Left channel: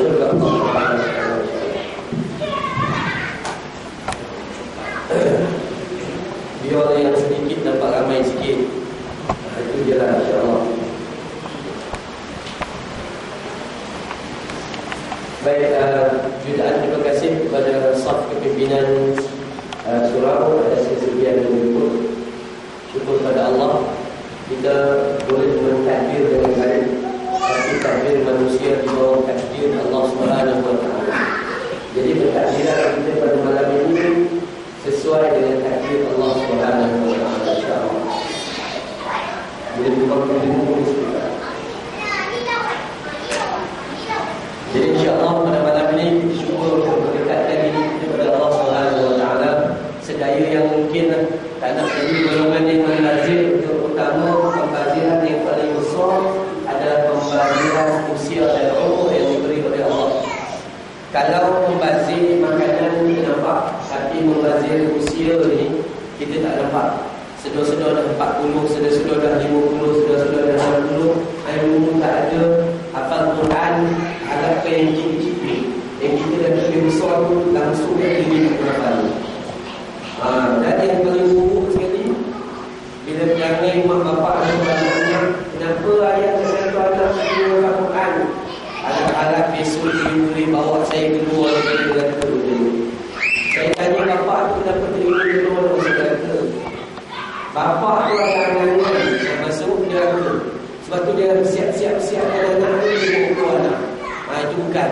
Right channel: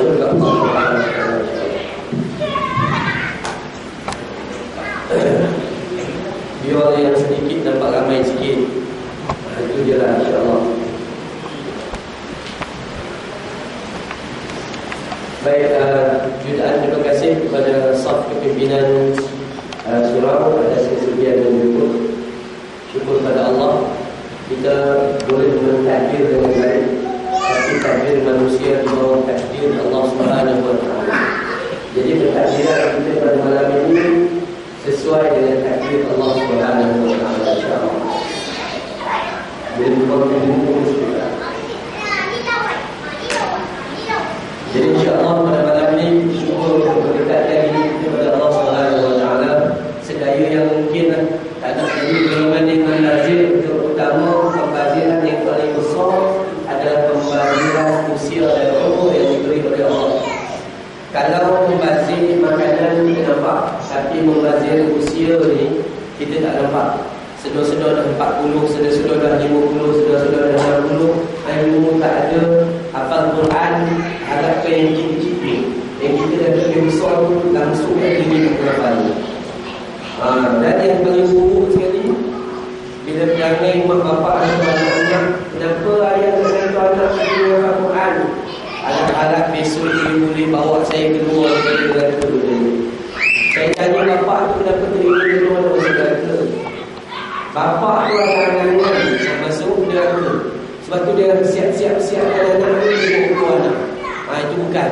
syurga Allah Subhanahu wa taala. Biar yang sedikit dapat ramai sikit. Itu je lah, insya-Allah. Baik, jutaan terima kasih kepada staf kepimpinan surau atas kesediaan menjemput. Syukur pada Allah kita boleh mentakdir dengan baik, tapi takdir manusia di bawah takdir Allah Subhanahu wa taala. Jadi bertakdiran kita pada malam ini sesuai dengan takdir Allah Subhanahu wa taala, insya-Allah. Jadi bukan kita. Jadi insya-Allah pada malam ini syukur mendekatkan diri kita kepada Allah Subhanahu wa taala sedaya yang mungkin. Tak ada jadi golongan yang lazim untuk utama pembaziran yang paling besar adalah pembaziran usia dan umur yang diberi oleh Allah. Kalau membazir makanan kita nampak, tapi membazir usia ni kita tak nampak. Sedar-sedar dah 40, sedar-sedar dah 50, sedar-sedar dah 60, ilmu tak ada, hafal Quran, harap ke yang cipik-cipik. Yang kita dah lebih besar tu langsung dah tinggi nak hafal. Dan yang paling buruk sekali, bila perangai mak bapak dan anak-anak, kenapa ayah dan satu anak keluar Al-Quran? Harap-harap besok dia boleh bawa saya keluar dari neraka. Saya tanya bapak tu kenapa terima keluar dari neraka. Bapak tu anak-anak yang masuk neraka. Sebab tu dia siap-siapkan anak ni untuk keluar anak. Itu bukan.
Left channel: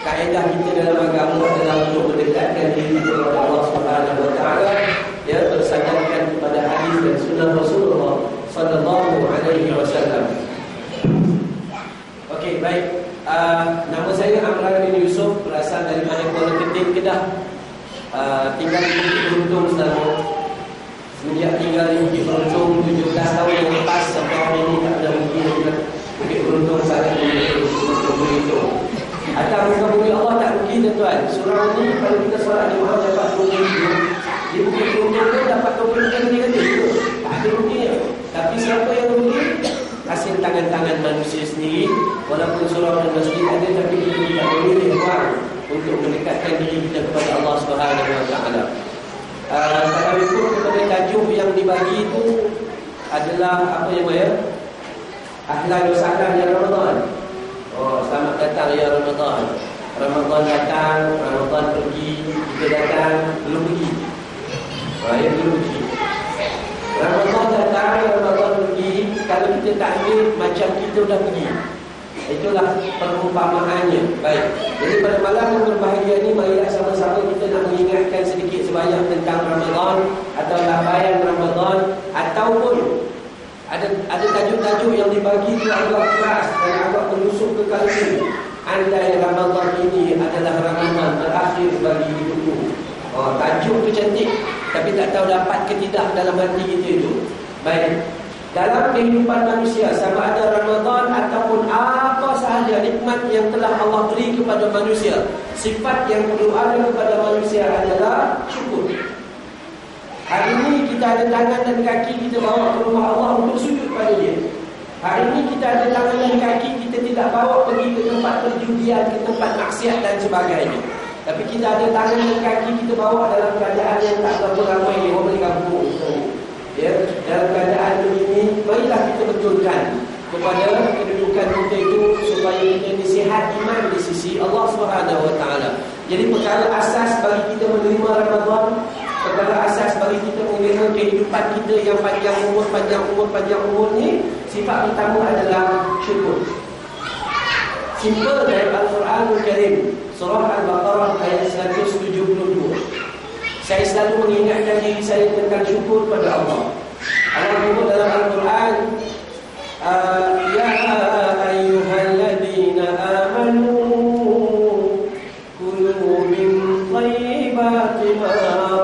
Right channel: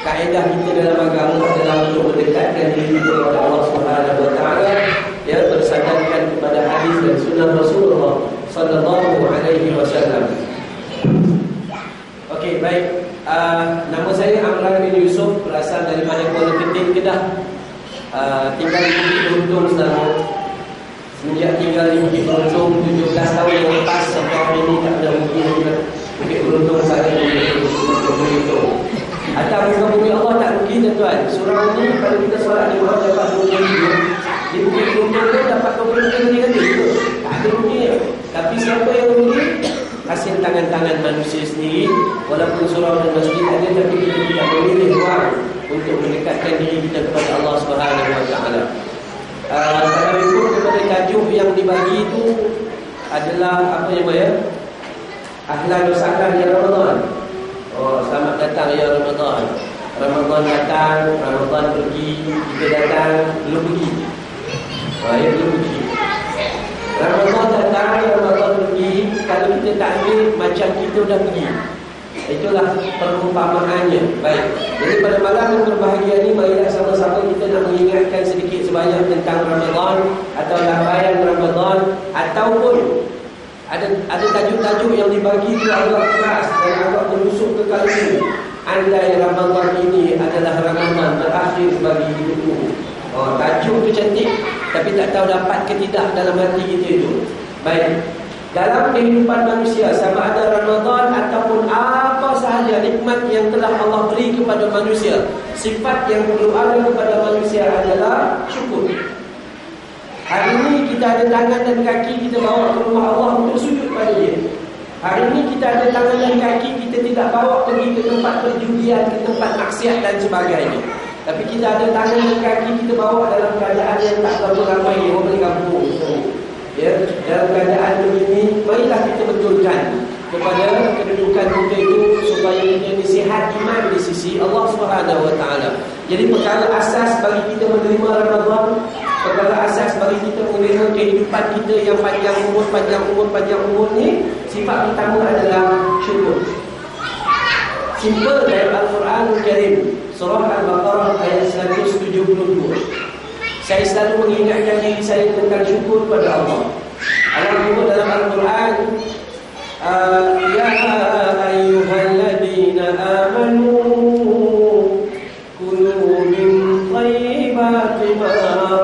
Kaedah kita dalam agama adalah untuk mendekatkan diri kita kepada Allah Subhanahu wa taala, ya, bersandarkan kepada hadis dan sunnah Rasulullah sallallahu alaihi wasallam. Okey, baik. Nama saya Amran bin Yusuf, berasal daripada Kuala Keting, Kedah. Tinggal di Bukit Beruntung selama semenjak tinggal di Bukit Beruntung 17 tahun yang lepas sampai hari ini tak ada mungkin Bukit Beruntung sangat begitu. Atas muka bumi Allah tak rugi tuan-tuan. Surau ni kalau kita solat di rumah dapat 20 ribu, di Bukit Beruntung tu dapat 20 ribu juga. Tak ada ruginya. Tapi siapa yang rugi? Hasil tangan-tangan manusia sendiri. Walaupun surau dan masjid ada, tapi kita tidak memilih ruang untuk mendekatkan diri kita kepada Allah Subhanahu wa taala. Kalau ikut kepada tajuk yang dibagi itu adalah apa yang ahlan wa sahlan ya Ramadan. Selamat datang ya Ramadan. Ramadan datang, Ramadan pergi, kita datang, belum pergi. Belum pergi. Ramadan datang, Ramadan pergi. Kalau kita tak ambil, macam kita dah pergi. Itulah perumpamaannya. Baik. Jadi pada malam yang berbahagia ini, marilah sama-sama kita nak mengingatkan sedikit sebanyak tentang Ramadan atau lambaian Ramadan, ataupun ada tajuk-tajuk yang dibagi itu agak keras dan agak menusuk ke kalbu. Andai Ramadan ini adalah Ramadan terakhir bagi hidupku. Tajuk tu cantik, tapi tak tahu dapat ke tidak dalam hati kita itu. Baik. Dalam kehidupan manusia, sama ada Ramadan ataupun apa sahaja nikmat yang telah Allah beri kepada manusia, sifat yang perlu ada kepada manusia adalah syukur. Hari ini kita ada tangan dan kaki, kita bawa ke rumah Allah untuk sujud pada dia. Hari ini kita ada tangan dan kaki, kita tidak bawa pergi ke tempat perjudian, ke tempat maksiat dan sebagainya. Tapi kita ada tangan dan kaki, kita bawa dalam keadaan yang tak berapa ramai orang balik kampung. Ya, dalam keadaan begini, marilah kita betulkan kepada kedudukan kita itu supaya kita disihat iman di sisi Allah Subhanahu wa taala. Jadi perkara asas bagi kita menerima Ramadan, perkara asas bagi kita menerima kehidupan kita yang panjang umur ni, sifat pertama adalah syukur. Simple dalam Al-Quranul Karim, surah Al-Baqarah ayat 172. Saya selalu mengingatkan diri saya tentang syukur pada Allah. Allah menyebut dalam Al-Quran, ya ayyuhalladzina amanu kulu min thayyibati ma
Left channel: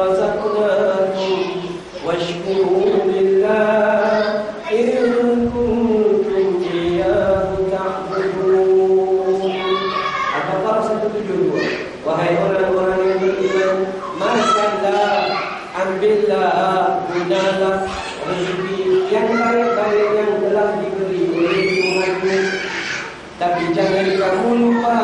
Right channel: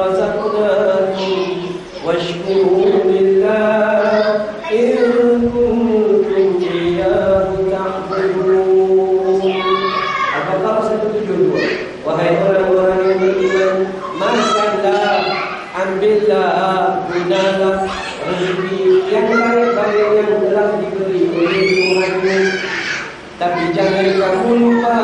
razaqnakum washkuru lillah in kuntum iyyahu ta'budun. Al-Baqarah 172. Wahai orang-orang yang beriman, makanlah, ambillah, gunalah rezeki yang baik-baik yang telah diberi oleh Tuhanmu. Tapi jangan kamu lupa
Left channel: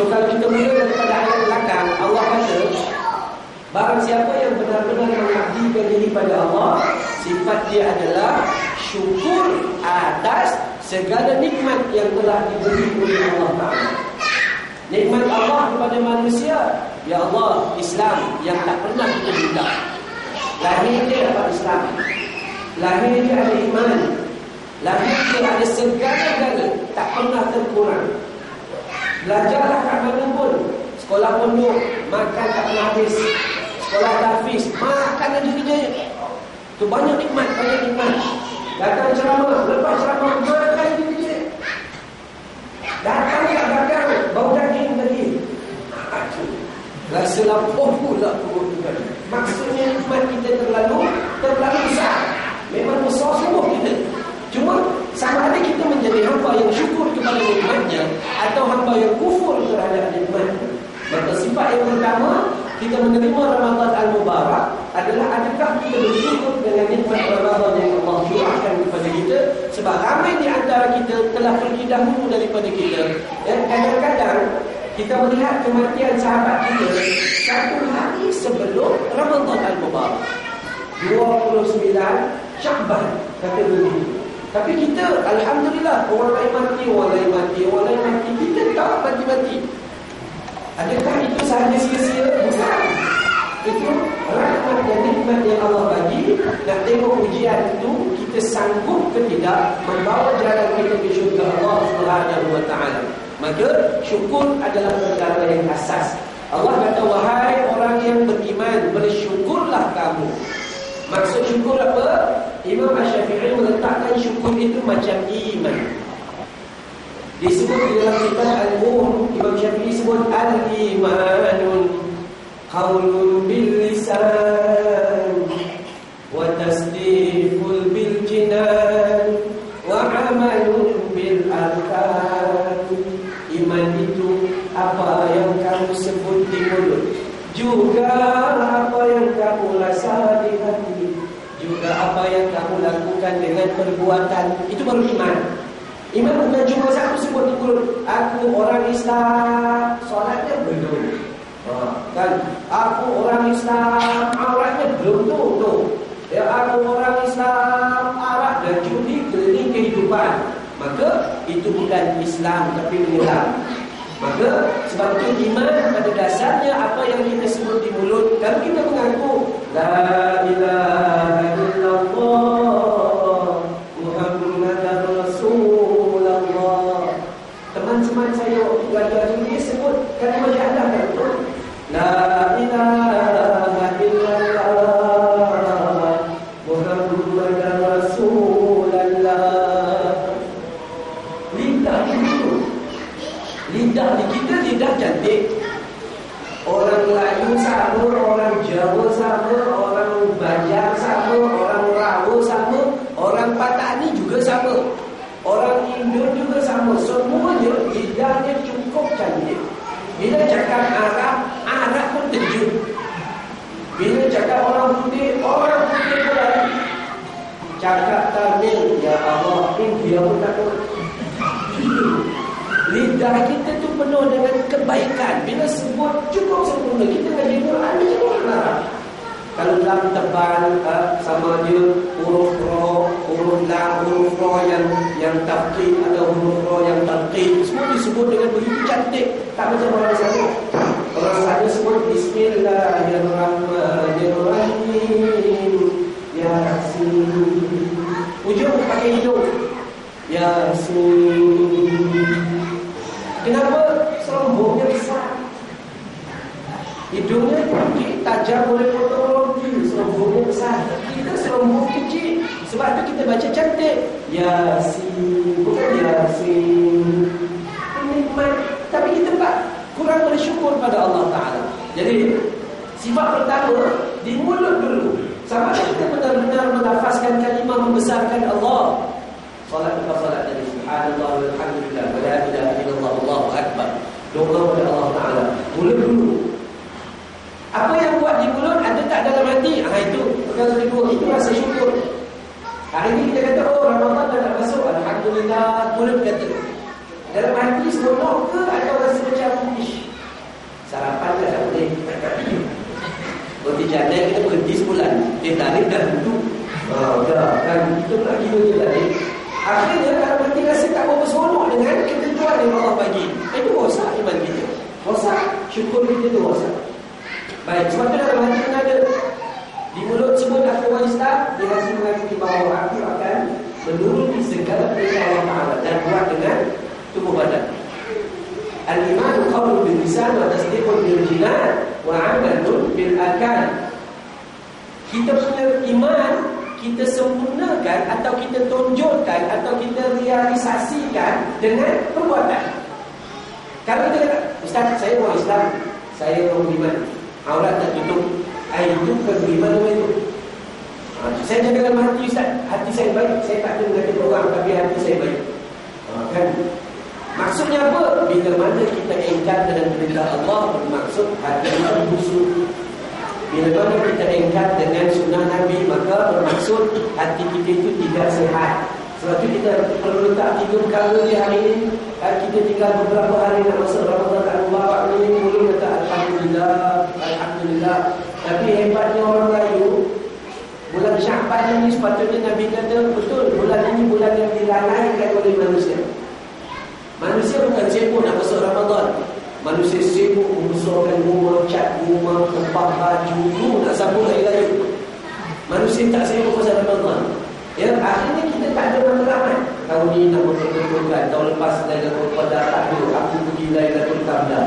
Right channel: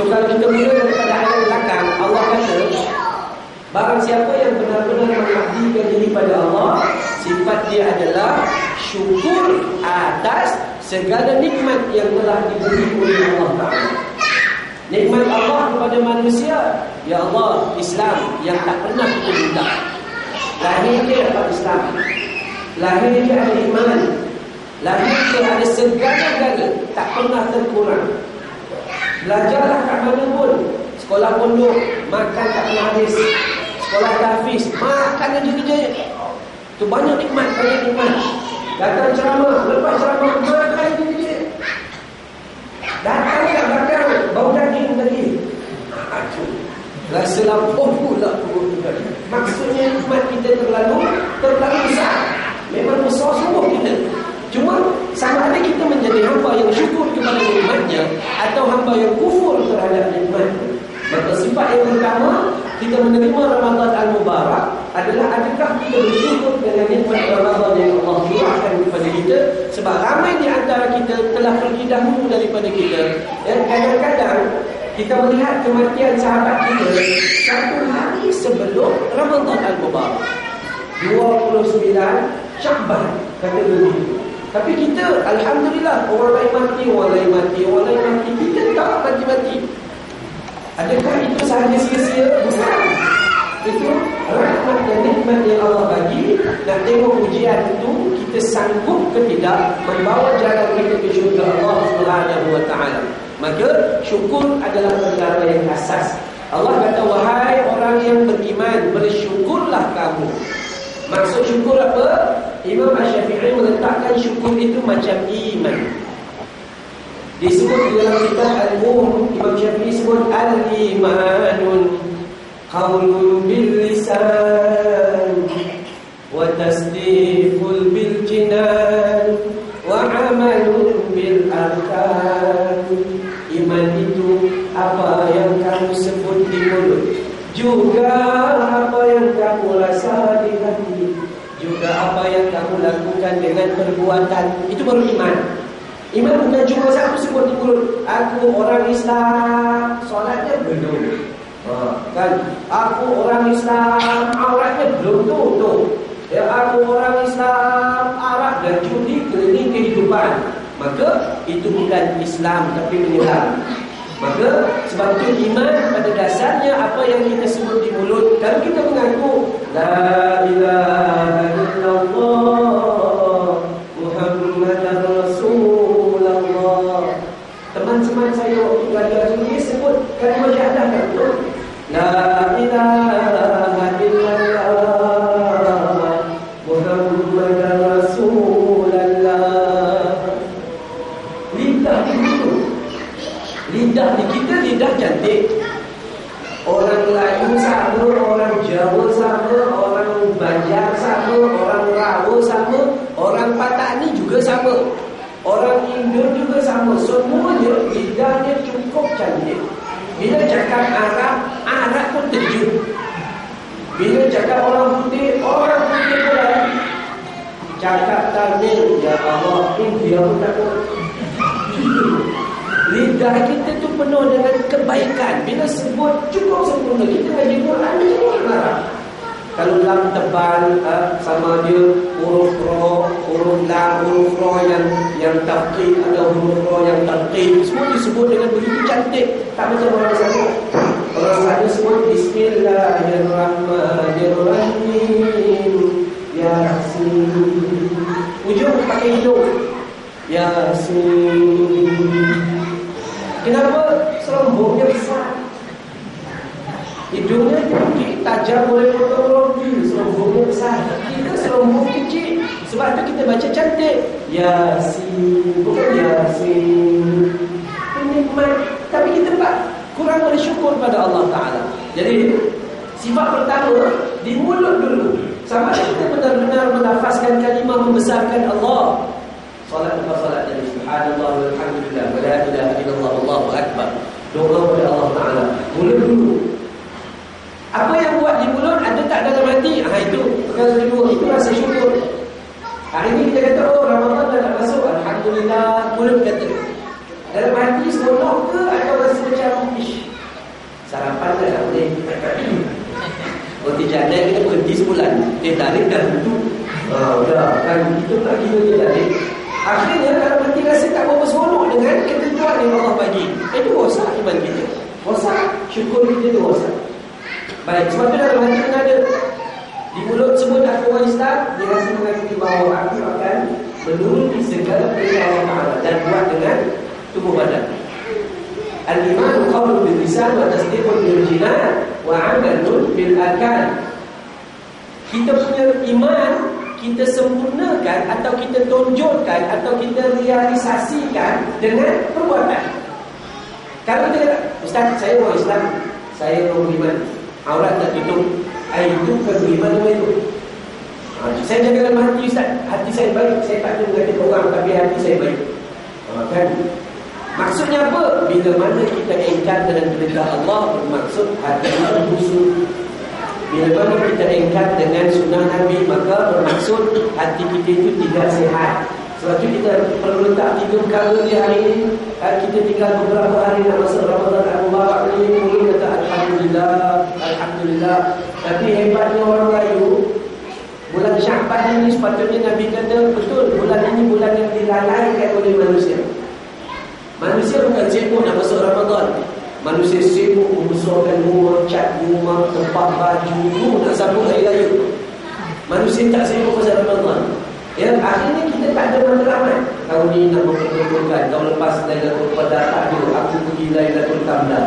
So kalau kita mula daripada ayat belakang, Allah kata, barang siapa yang benar-benar mengabdikan diri pada Allah, sifat dia adalah syukur atas segala nikmat yang telah diberi oleh Allah Ta'ala. Nikmat Allah kepada manusia, ya Allah, Islam yang tak pernah kita minta. Lahir dia dapat Islam, lahir dia ada iman, lahir dia ada segala-gala, tak pernah terkurang. Belajarlah kat mana pun, sekolah pondok, makan tak pernah habis. Sekolah tahfiz, makan aja kerja. Tu banyak nikmat, banyak nikmat. Datang ceramah, lepas ceramah, makan aja kerja. Datang kat belakang, bau daging tadi. Rasa lapar pula perut tadi. Maksudnya nikmat kita terlalu besar. Memang besar semua kita. Cuma sama ada kita menjadi hamba yang syukur kepada nikmatnya atau hamba yang kufur terhadap nikmatnya. Maka sifat yang pertama, kita menerima Ramadan Al-Mubarak adalah adakah kita bersyukur dengan nikmat Ramadan yang Allah curahkan kepada kita. Sebab ramai di antara kita telah pergi dahulu daripada kita. Dan kadang-kadang kita melihat kematian sahabat kita satu hari sebelum Ramadan Al-Mubarak, 29 Syakban kata begitu. Tapi kita, alhamdulillah, orang lain mati, orang lain mati, orang lain mati, kita tak mati-mati. Adakah itu sahaja sia-sia? Bukan. Itu rahmat dan nikmat yang Allah bagi. Nak tengok ujian itu, kita sanggup ke tidak membawa jalan kita ke syurga Allah Subhanahu wa ta'ala. Maka syukur adalah perkara yang asas. Allah kata, wahai orang yang beriman, bersyukurlah kamu. Maksud syukur apa? Imam Asy-Syafi'i meletakkan syukur itu macam iman. Disebut di dalam kitab Al-Um, Imam Syafi'i sebut al-imanun qaulun bil lisan wa tasdiqul bil jinan wa amalun bil arkan. Iman itu apa yang kamu sebut di mulut, juga apa yang kamu rasa di hati, juga apa yang kamu lakukan dengan perbuatan. Itu baru iman. Iman bukan cuma satu sebut di mulut, aku orang Islam, solatnya belum. Kan? Aku orang Islam, auratnya belum tu. Ya, aku orang Islam, arak dan judi keliling kehidupan. Maka itu bukan Islam tapi menyelam. Maka sebab itu iman pada dasarnya apa yang kita sebut di mulut. Kalau kita mengaku la ilaha illallah Muhammadar Rasulullah, teman-teman saya waktu belajar ini sebut kalimah syahadah kan tu, la ilaha illallah Muhammadar Rasulullah. Lidah itu, lidah di kita lidah cantik. Orang Melayu sama, orang Jawa sama, orang Banjar sama, orang Rawa sama, orang Patani juga sama, orang Indo juga sama. Semuanya lidahnya cukup cantik. Bila cakap Arab, Arab pun terjun. Bila cakap orang putih pun lari. Cakap Tamil, ya Allah, India pun takut. Lidah kita tu penuh dengan kebaikan. Bila sebut cukup sempurna. Kita ngaji Quran ni semua marah. Kalau lam tebal sama dia huruf ro, huruf lam, huruf ro yang taqid atau huruf ro yang taqid, semua disebut dengan begitu cantik. Tak macam orang sana. Orang sana sebut Bismillahirrahmanirrahim, Yasin. Ujung pakai hidung, Yasin. Kenapa? Serombongnya besar, hidungnya tinggi, tajam, boleh potong roti. Serombongnya besar, kita serombong kecil. Sebab itu kita baca cantik, Yasin, bukan Yasin. Nikmat. Tapi kita kurang bersyukur pada Allah Ta'ala. Jadi sifat pertama di mulut dulu. Sama kita benar-benar melafazkan kalimah membesarkan Allah. Salat apa salat tadi? Subhanallah walhamdulillah wa la ilaha illallah wallahu akbar. Doa kepada Allah Ta'ala. Mulut dulu. Apa yang buat di mulut ada tak dalam hati? Itu perkara kedua. Itu rasa syukur. Hari ini kita kata, oh Ramadan dah nak masuk, alhamdulillah. Mulut kata. Dalam hati seronok ke atau rasa macam ish, Teh tarik dah tentu. Dah kan kita nak gila teh tarik. Akhirnya kalau kita rasa tak berapa seronok dengan ketentuan yang Allah bagi, itu rosak iman kita. Rosak syukur kita tu rosak. Baik, sebab tu dalam hati yang ada di mulut sebut aku orang Islam, di hati mengakui bahawa aku akan menuruti segala perintah Allah Ta'ala dan buat dengan tubuh badan. Al-iman qawlun bil lisan wa tasdiqun bil jinan wa 'amalun bil arkan. Kita punya iman kita sempurnakan atau kita tonjolkan atau kita realisasikan dengan perbuatan. Kalau kita kata, Ustaz, saya orang Islam, saya orang beriman, aurat tak tutup, itu bukan beriman nama itu. Saya jaga dalam hati, Ustaz, hati saya baik, saya tak ada mengatakan orang, tapi hati saya baik. Kan? Maksudnya apa? Bila mana kita engkar dengan perintah Allah, bermaksud hati kita busuk. Bila mana kita engkar dengan sunnah Nabi, maka bermaksud hati kita itu tidak sehat. Sebab itu kita perlu letak 3 perkara di hari ini. Kita tinggal beberapa hari nak masuk Ramadan Al-Mubarak ini, mula kata Alhamdulillah, Alhamdulillah. Tapi hebatnya orang Melayu, bulan Sya'ban ini sepatutnya Nabi kata, betul, bulan ini bulan yang dilalaikan oleh manusia. Manusia bukan sibuk nak masuk Ramadan. Manusia sibuk membesarkan rumah, cat rumah, tempat baju, nak sambung hari raya. Manusia tak sibuk pasal Ramadan. Ya, akhirnya kita tak ada matlamat. Tahun ni nak memperkenalkan, tahun lepas Lailatul Qadar tak ada, aku pergi Lailatul Qadar.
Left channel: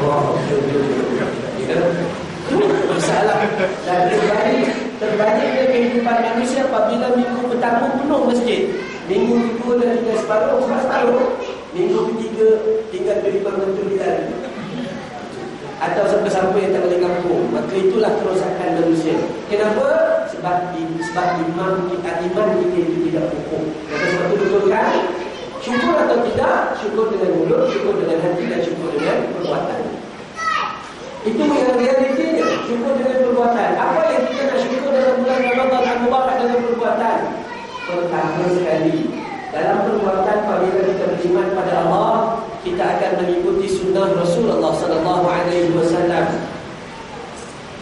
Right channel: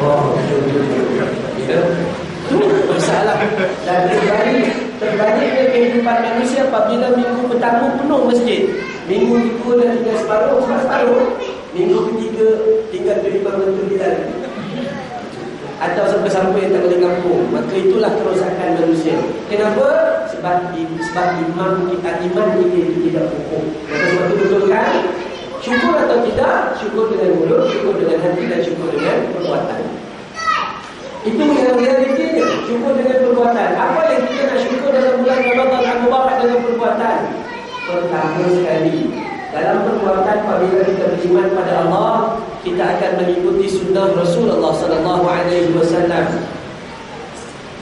Oh, ya. Itu masalah. Dan terbaliknya kehidupan manusia apabila minggu pertama penuh masjid, minggu kedua dah tinggal separuh, minggu ketiga tinggal beriman betul di dalam, atau sampai-sampai yang tak boleh kampung. Maka itulah kerosakan manusia. Kenapa? Sebab iman kita itu tidak kokoh. Maka sebab itu betulkan syukur atau tidak, syukur dengan mulut, syukur dengan hati, dan syukur dengan perbuatan. Itu yang realitinya, syukur dengan perbuatan. Apa yang kita nak syukur dalam bulan Ramadan Al-Mubarak dengan perbuatan? Pertama sekali, dalam perbuatan apabila kita beriman pada Allah, kita akan mengikuti sunnah Rasulullah SAW.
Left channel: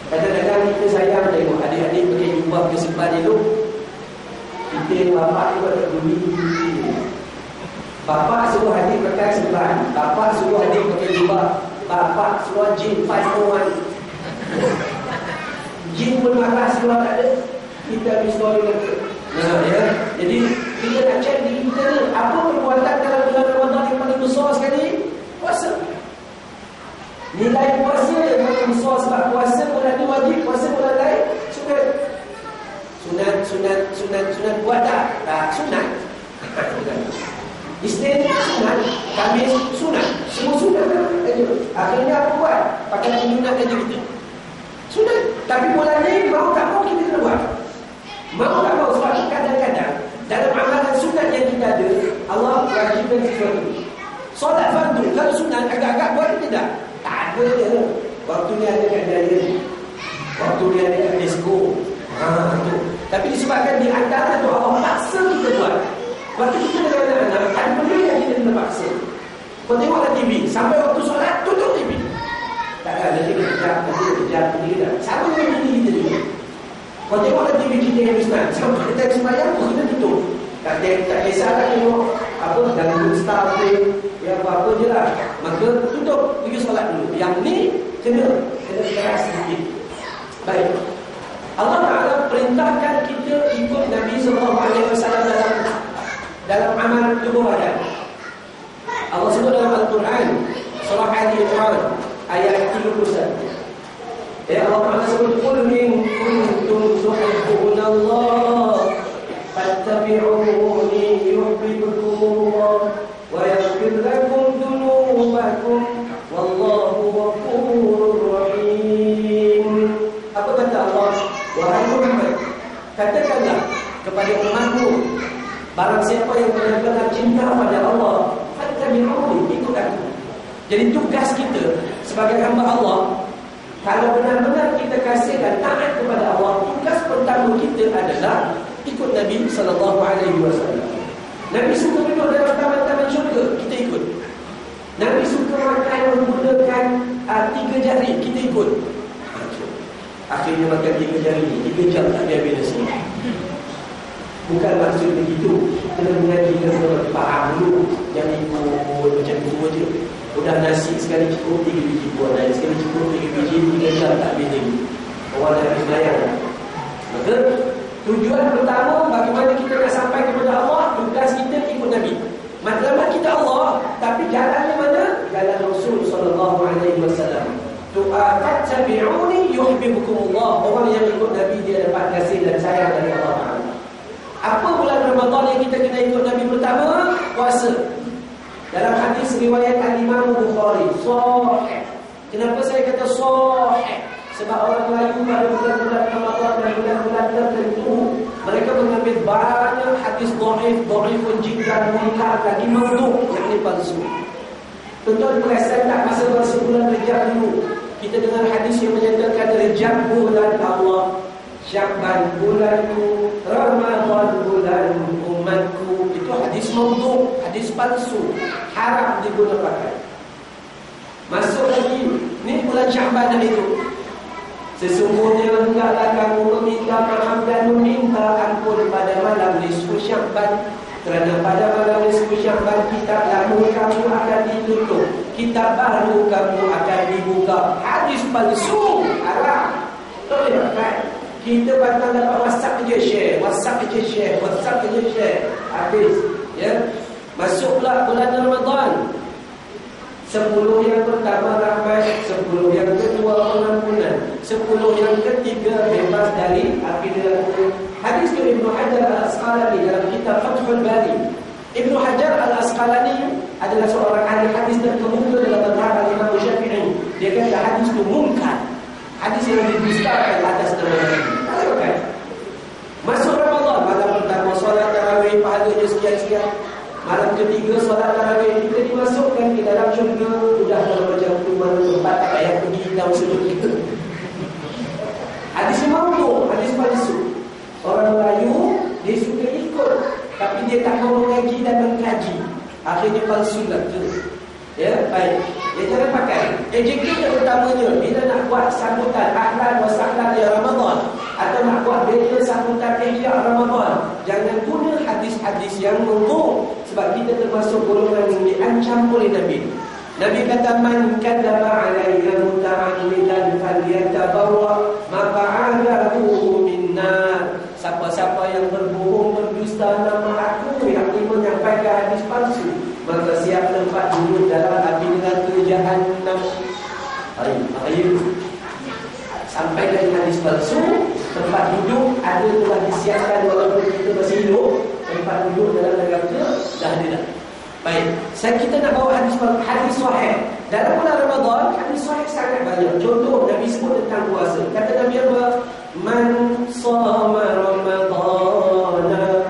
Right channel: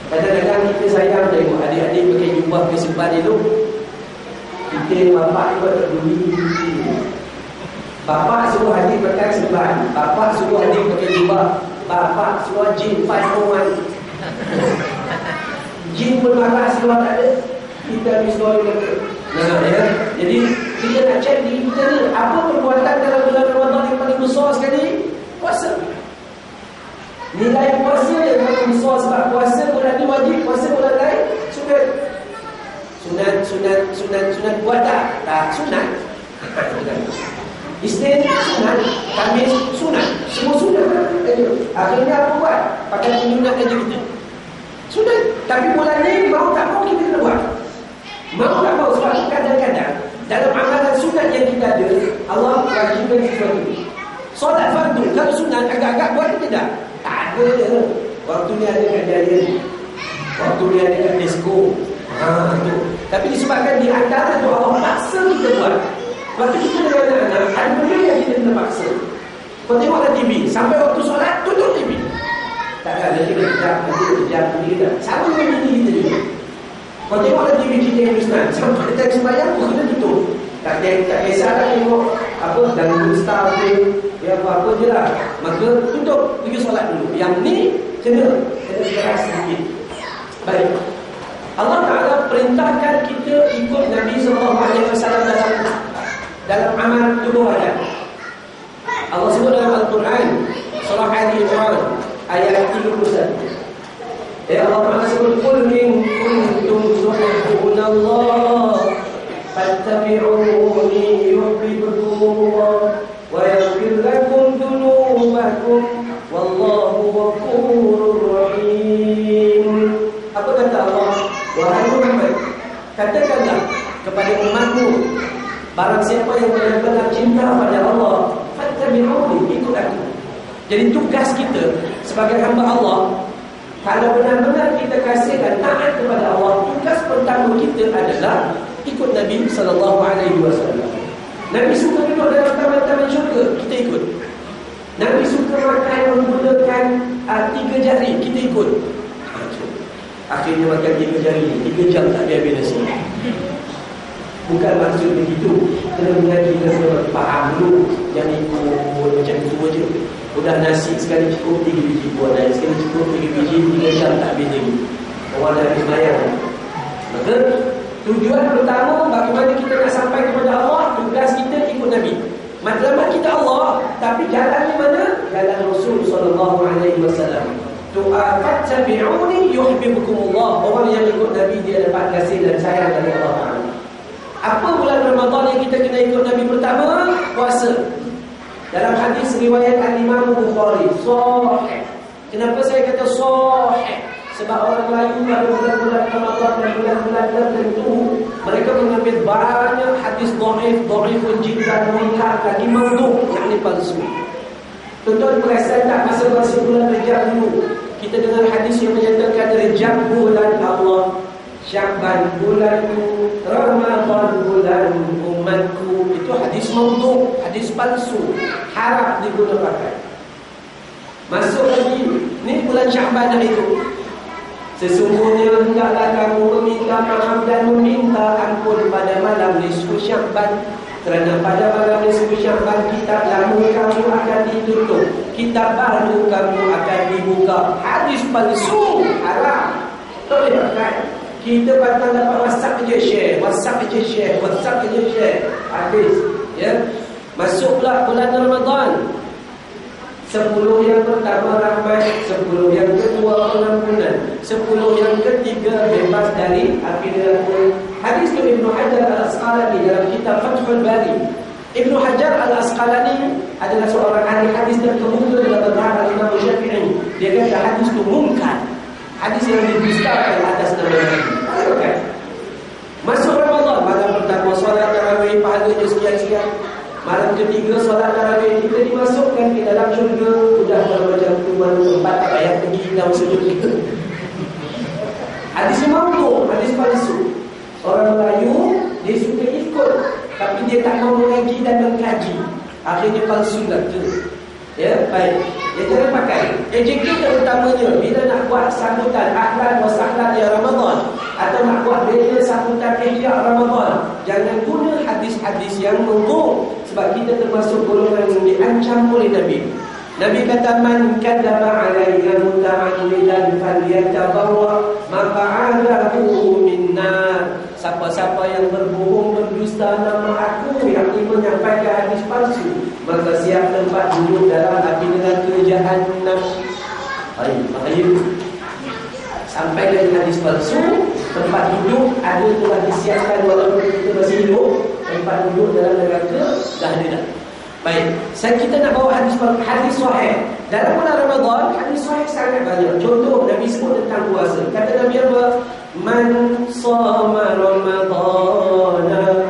Kadang-kadang kita sayang tengok adik-adik pakai jubah ke sebelah elok. Kita bapak ni buat buli. Bapak suruh adik pakai sebelah, bapak suruh adik pakai jubah, bapak suruh jin 501. Jin pun marah seluar tak ada. Kita habis story lagi. Ya. Jadi kita nak cek diri kita ni, apa perbuatan dalam bulan Ramadan yang paling besar sekali? Puasa. Nilai puasa yang paling besar, sebab puasa bulan ni wajib, puasa bulan lain sunat buat tak? Tak sunat. Isnin sunat, Khamis sunat, semua sunat. Akhirnya apa buat? Pakai sunat aja kita. Sunat. Tapi bulan ni mau tak mau kita kena buat. Mau tak mau, sebab kadang-kadang dalam amalan sunat yang kita ada, Allah wajibkan sesuatu. Solat fardu, kalau sunat agak-agak buat ke tidak? Tak ada je. Waktu ni ada kat jaya, waktu ni ada kat disco. Tu. Tapi disebabkan di antara tu Allah paksa kita buat. Waktu kita dengan anak-anak, ada benda yang kita kena paksa. Kau tengoklah TV, sampai waktu solat, tutup TV. Takkan nanti kejap, nanti kejap. Sama dengan diri kita juga. Kau tengoklah TV kita yang Islam, sampai kita sembahyang, kau kena tutup. Tak kisahlah tengok apa dalam star tu, ya apa-apa je lah. Maka tutup, pergi solat dulu. Yang ni kena keras sedikit. Baik. Allah Ta'ala perintahkan kita ikut Nabi SAW dalam amal tubuh badan. Allah sebut dalam Al-Quran surah Ali Imran ayat 31. Allah Ta'ala sebut, qul in kuntum tuhibbunallah fattabi'uni yuhibbukumullah wa yaghfir lakum dhunubakum wallahu ghafurur rahim. Apa kata Allah? Wahai Muhammad, katakanlah kepada umatmu, barang siapa yang benar-benar cinta pada Allah, fattabi'uni, ikut aku. Jadi tugas kita sebagai hamba Allah, kalau benar-benar kita kasih dan taat kepada Allah, tugas pertama kita adalah ikut Nabi SAW. Nabi suka duduk dalam taman-taman syurga, kita ikut. Nabi suka makan menggunakan 3 jari, kita ikut. Akhirnya makan 3 jari, 3 jam tak habis nasi. Bukan maksud begitu. Kena mengaji, kena faham dulu. Jangan ikut macam itu je. Udah nasi sekali cukup 3 biji buah, dan sekali cukup 3 biji, 3 jam tak habis lagi. Orang dah habis bayang. Maka tujuan pertama, bagaimana kita nak sampai kepada Allah. Tugas kita ikut Nabi. Matlamat kita Allah, tapi jalannya mana? Jalan Rasul SAW. Fattabi'uni yuhibbukumullah. Orang yang ikut Nabi, dia dapat kasih dan sayang dari Allah Ta'ala. Apa bulan Ramadan yang kita kena ikut Nabi pertama? Puasa. Dalam hadis riwayat Al-Imam Bukhari, sahih. Kenapa saya kata sahih? Sebab orang Melayu pada bulan-bulan Ramadan dan bulan-bulan tertentu, mereka mengambil banyak hadis dhaifun jiddan, munkar, lagi maudhu', yakni palsu. Tuan-tuan perasan tak masa bulan Rejab dulu, kita dengar hadis yang menyatakan Rejab bulan Allah, Sya'ban bulanku, Ramadan bulan umatku. Itu hadis maudhu', hadis palsu, haram digunakan. Masuk lagi, ni bulan Sya'ban itu. Sesungguhnya hendaklah kamu meminta maaf dan meminta ampun pada malam nisfu Sya'ban, kerana pada malam nisfu Sya'ban kitab lama kamu akan ditutup, kitab baru kamu akan dibuka. Hadis palsu, haram. Tak boleh pakai. Kita patut dapat WhatsApp je share, WhatsApp je share, WhatsApp je share. Habis, ya. Masuk pula bulan Ramadan. 10 yang pertama rahmat, 10 yang kedua pengampunan, 10 yang ketiga bebas dari api neraka. Hadis dari Ibnu Hajar Al-Asqalani dalam kitab Fathul Bari. Ibnu Hajar Al-Asqalani adalah seorang ahli hadis terkemuka dalam mazhab Imam Syafi'i. Dia kata hadis itu munkar. Hadis yang didustakan atas nama Nabi. Okay. Masuk Ramadan, malam pertama solat tarawih pahalanya sekian-sekian. Malam ketiga solat tarawih, kita dimasukkan ke dalam syurga. Sudah macam tuan tempat tak payah pergi dalam syurga. Hadis maudhu', hadis palsu. Orang Melayu dia suka ikut, tapi dia tak mau mengaji dan mengkaji. Akhirnya palsu lah tu. Ya, baik. Ya, jangan pakai. Ejeknya utamanya bila nak buat sambutan ahlan wa sahlan ya Ramadan, atau nak buat bela sambutan ihya Ramadan, jangan guna hadis-hadis yang maudhu', sebab kita termasuk golongan yang diancam oleh Nabi. Nabi kata, man kadzaba alayya muta'ammidan falyatabawwa maq'adahu minnar. Siapa-siapa yang berbohong, berdusta nama aku, yang menyampaikan hadis palsu, maka siap tempat duduk dalam api neraka Jahannam. Bahaya. Sampai dari hadis palsu, tempat duduk ada telah disiapkan walaupun kita masih hidup. Tempat duduk dalam neraka dah ada dah. Baik, kita nak bawa hadis sahih. Dalam bulan Ramadan, hadis sahih sangat banyak. Contoh, Nabi sebut tentang puasa. Kata Nabi apa? Man shama Ramadana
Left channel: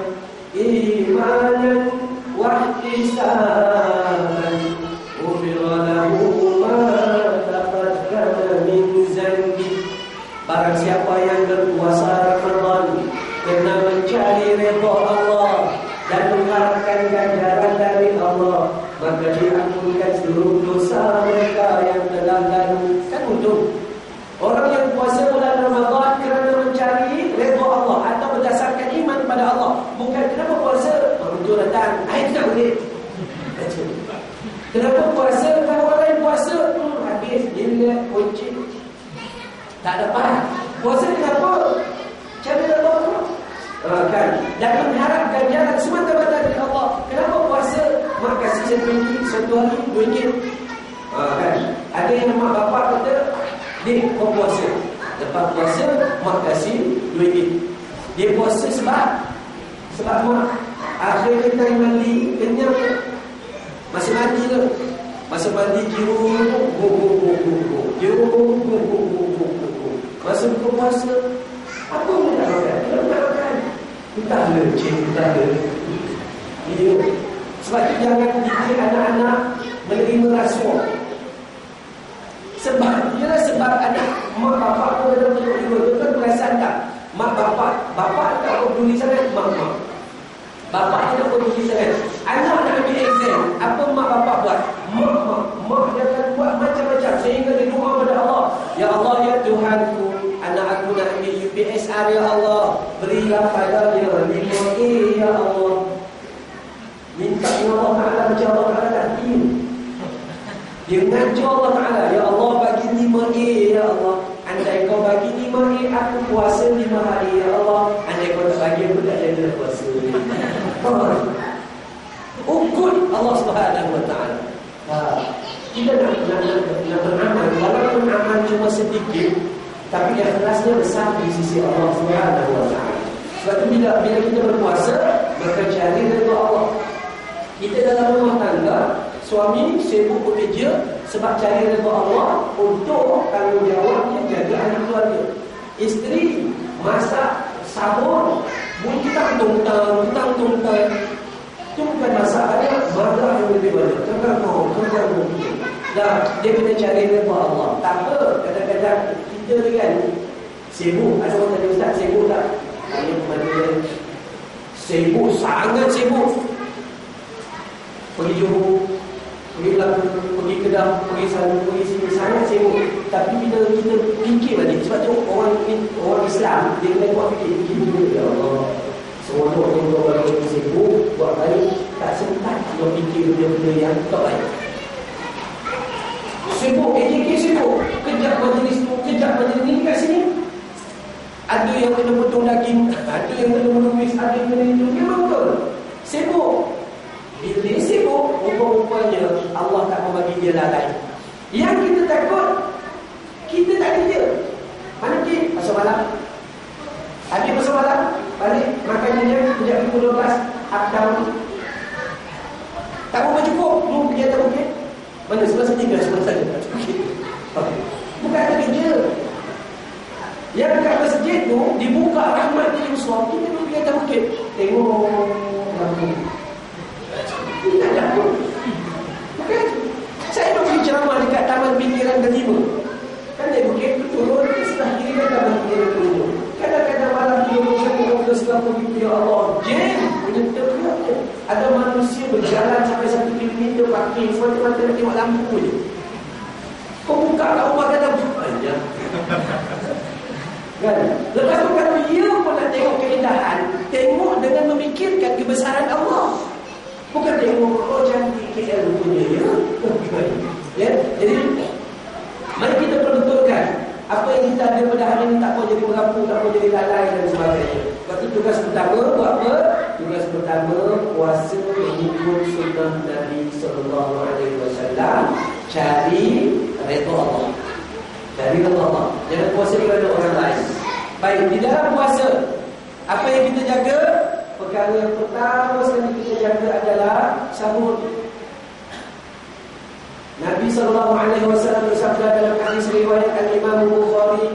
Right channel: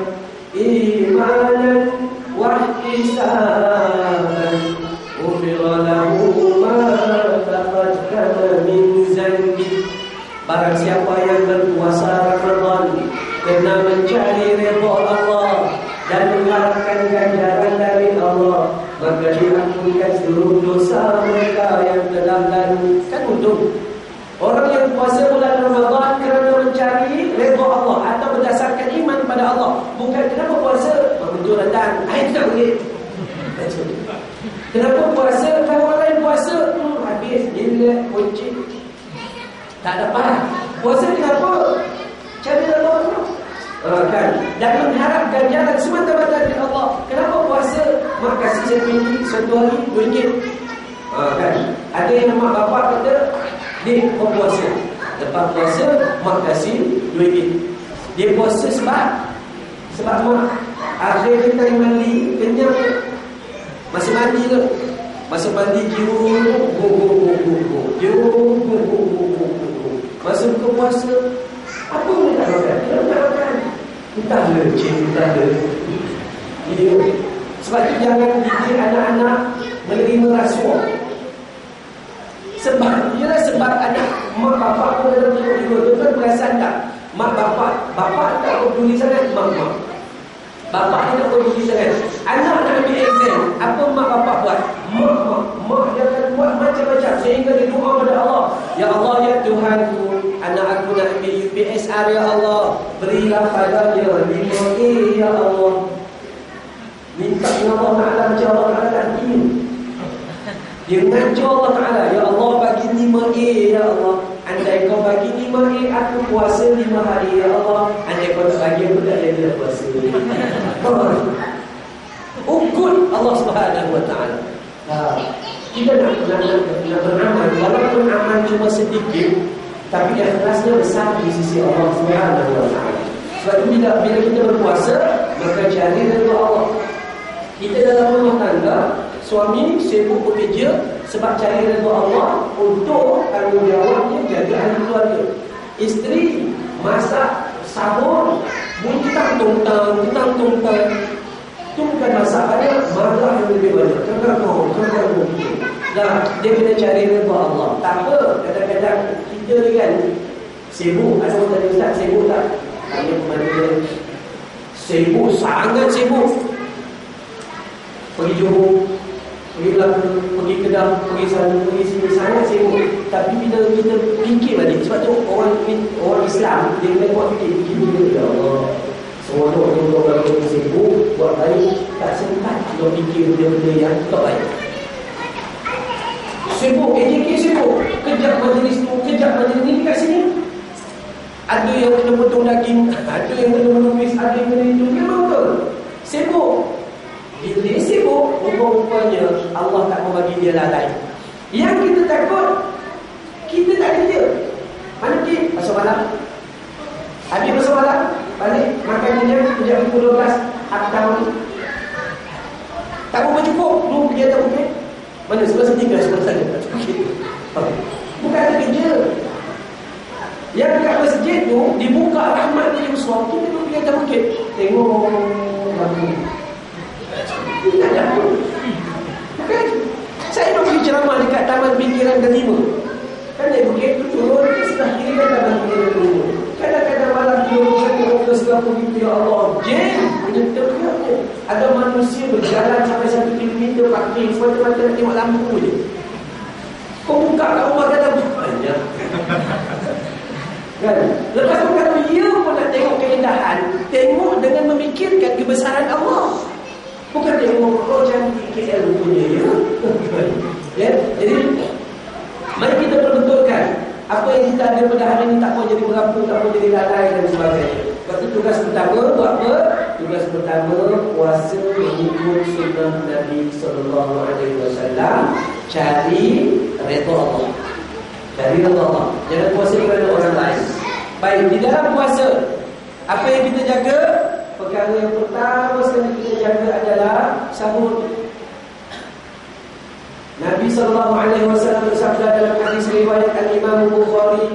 imanan wa ihtisaban ghufira lahu ma taqaddama min zanbi. Barang siapa yang berpuasa Ramadan kerana mencari redha Allah dan mengharapkan ganjaran dari Allah, maka diampunkan seluruh dosa mereka yang telah lalu. Kan untung. Orang yang puasa bulan Ramadan kerana mencari redha Allah atau berdasarkan iman pada Allah, bukan kenapa puasa betul datang tak boleh. Kenapa puasa? Kalau orang lain puasa habis gila kunci tak dapat. Puasa kenapa? Cari Allah kan, dan mengharap ganjaran semata-mata dari Allah. Kenapa puasa? Mak kasih RM1 satu hari RM2 kan. Ada yang mak bapak kata, dia kau puasa, lepas puasa mak kasih RM2. Dia puasa sebab mak akhir kita mandi kenyang. Masa mandi tu, masa mandi jiru masa buka puasa apa pun tak makan. Entahlah entahlah. Sebab itu jangan didik anak-anak menerima rasuah. Sebab anak mak bapak pun ada juga. Tuan perasan tak? Mak bapak tak peduli sangat mak. Bapak tidak peduli sangat. Anak nak ambil exam, apa mak bapak buat? Mak dia akan buat macam-macam sehingga dia doa pada Allah. Ya Allah, ya Tuhanku, anak PSR ya Allah, berilah padanya 5A ya Allah. Minta dengan Allah Ta'ala macam Allah Ta'ala tak ingin. Dia ngajak Allah Ta'ala, ya Allah bagi 5A ya Allah. Andai kau bagi 5A, aku puasa 5 hari ya Allah. Andai kau tak bagi, aku tak jadi puasa. Ukur Allah Subhanahu Wa Ta'ala. Kita nak beramal, walaupun amal cuma sedikit, tapi ikhlasnya besar di sisi Allah Subhanahu Wa Ta'ala. Sebab itu bila kita berpuasa, maka cari redha Allah. Kita dalam rumah tangga, suami sibuk bekerja sebab cari redha Allah untuk tanggungjawabnya jaga ahli keluarga. Isteri masak, sahur, bunyi tang-tong-tang. Itu bukan masalah dia, marah yang lebih banyak. Jangan mungkin. Dah, dia kena cari redha Allah. Tak apa, kadang-kadang kita ni kan sibuk. Ada orang tanya, Ustaz sibuk tak? Tanya kepada dia, sibuk, sangat sibuk. Pergi Johor, pergi Melaka, pergi Kedah, pergi sana, pergi sini, sangat sibuk. Tapi bila kita fikir balik, sebab tu orang Islam, dia kena buat fikir ya Allah. Semua orang yang sibuk, buat baik, tak sempat dia fikir benda-benda yang tak baik. Sibuk, AJK sibuk, kejap majlis tu, kejap majlis ni kat sini. Ada yang kena potong daging, ada yang kena menumis, ada yang kena itu. Memang betul, sibuk. Bila dia sibuk, rupa-rupanya Allah tak mau bagi dia lalai. Yang kita takut, kita tak kerja. Mana pergi? Pasal malam. Habis pasal malam, balik makanannya sejak pukul 12 atau tak berapa cukup. Belum pergi atau bukit. Mana sebelah tinggal sebelah sana. Bukan ada kerja. Yang dekat masjid tu dibuka rahmat dia besar. Kita belum pergi atas bukit. Tengok lampu. Tak ada pun. Bukan. Saya nak pergi ceramah dekat Taman Pinggiran Delima. Kan dari bukit tu turun, sebelah kiri kan Taman Pinggiran Delima. Kadang-kadang malam dia sebelah begitu, ya Allah, jam menyentuh dia. Ada manusia berjalan sampai 1 kilometer parking semata-mata nak tengok lampu je. Kau buka kat rumah kata banyak. Kan? Lepas tu kalau dia pun nak tengok keindahan, tengok dengan memikirkan kebesaran Allah. Bukan tengok cantik KL punya ya. Ya. Jadi mari kita perbetulkan apa yang kita ada pada hari ini, tak mau jadi merapu, tak mau jadi lalai dan sebagainya. Sebab itu tugas pertama buat apa? Tugas pertama puasa mengikut sunnah Nabi sallallahu alaihi wasallam, cari redha Allah. Cari redha Allah. Jangan puasa kerana orang lain. Baik, di dalam puasa apa yang kita jaga? Perkara yang pertama sekali kita jaga adalah sahur. Nabi SAW bersabda dalam hadis riwayat Al-Imam Bukhari,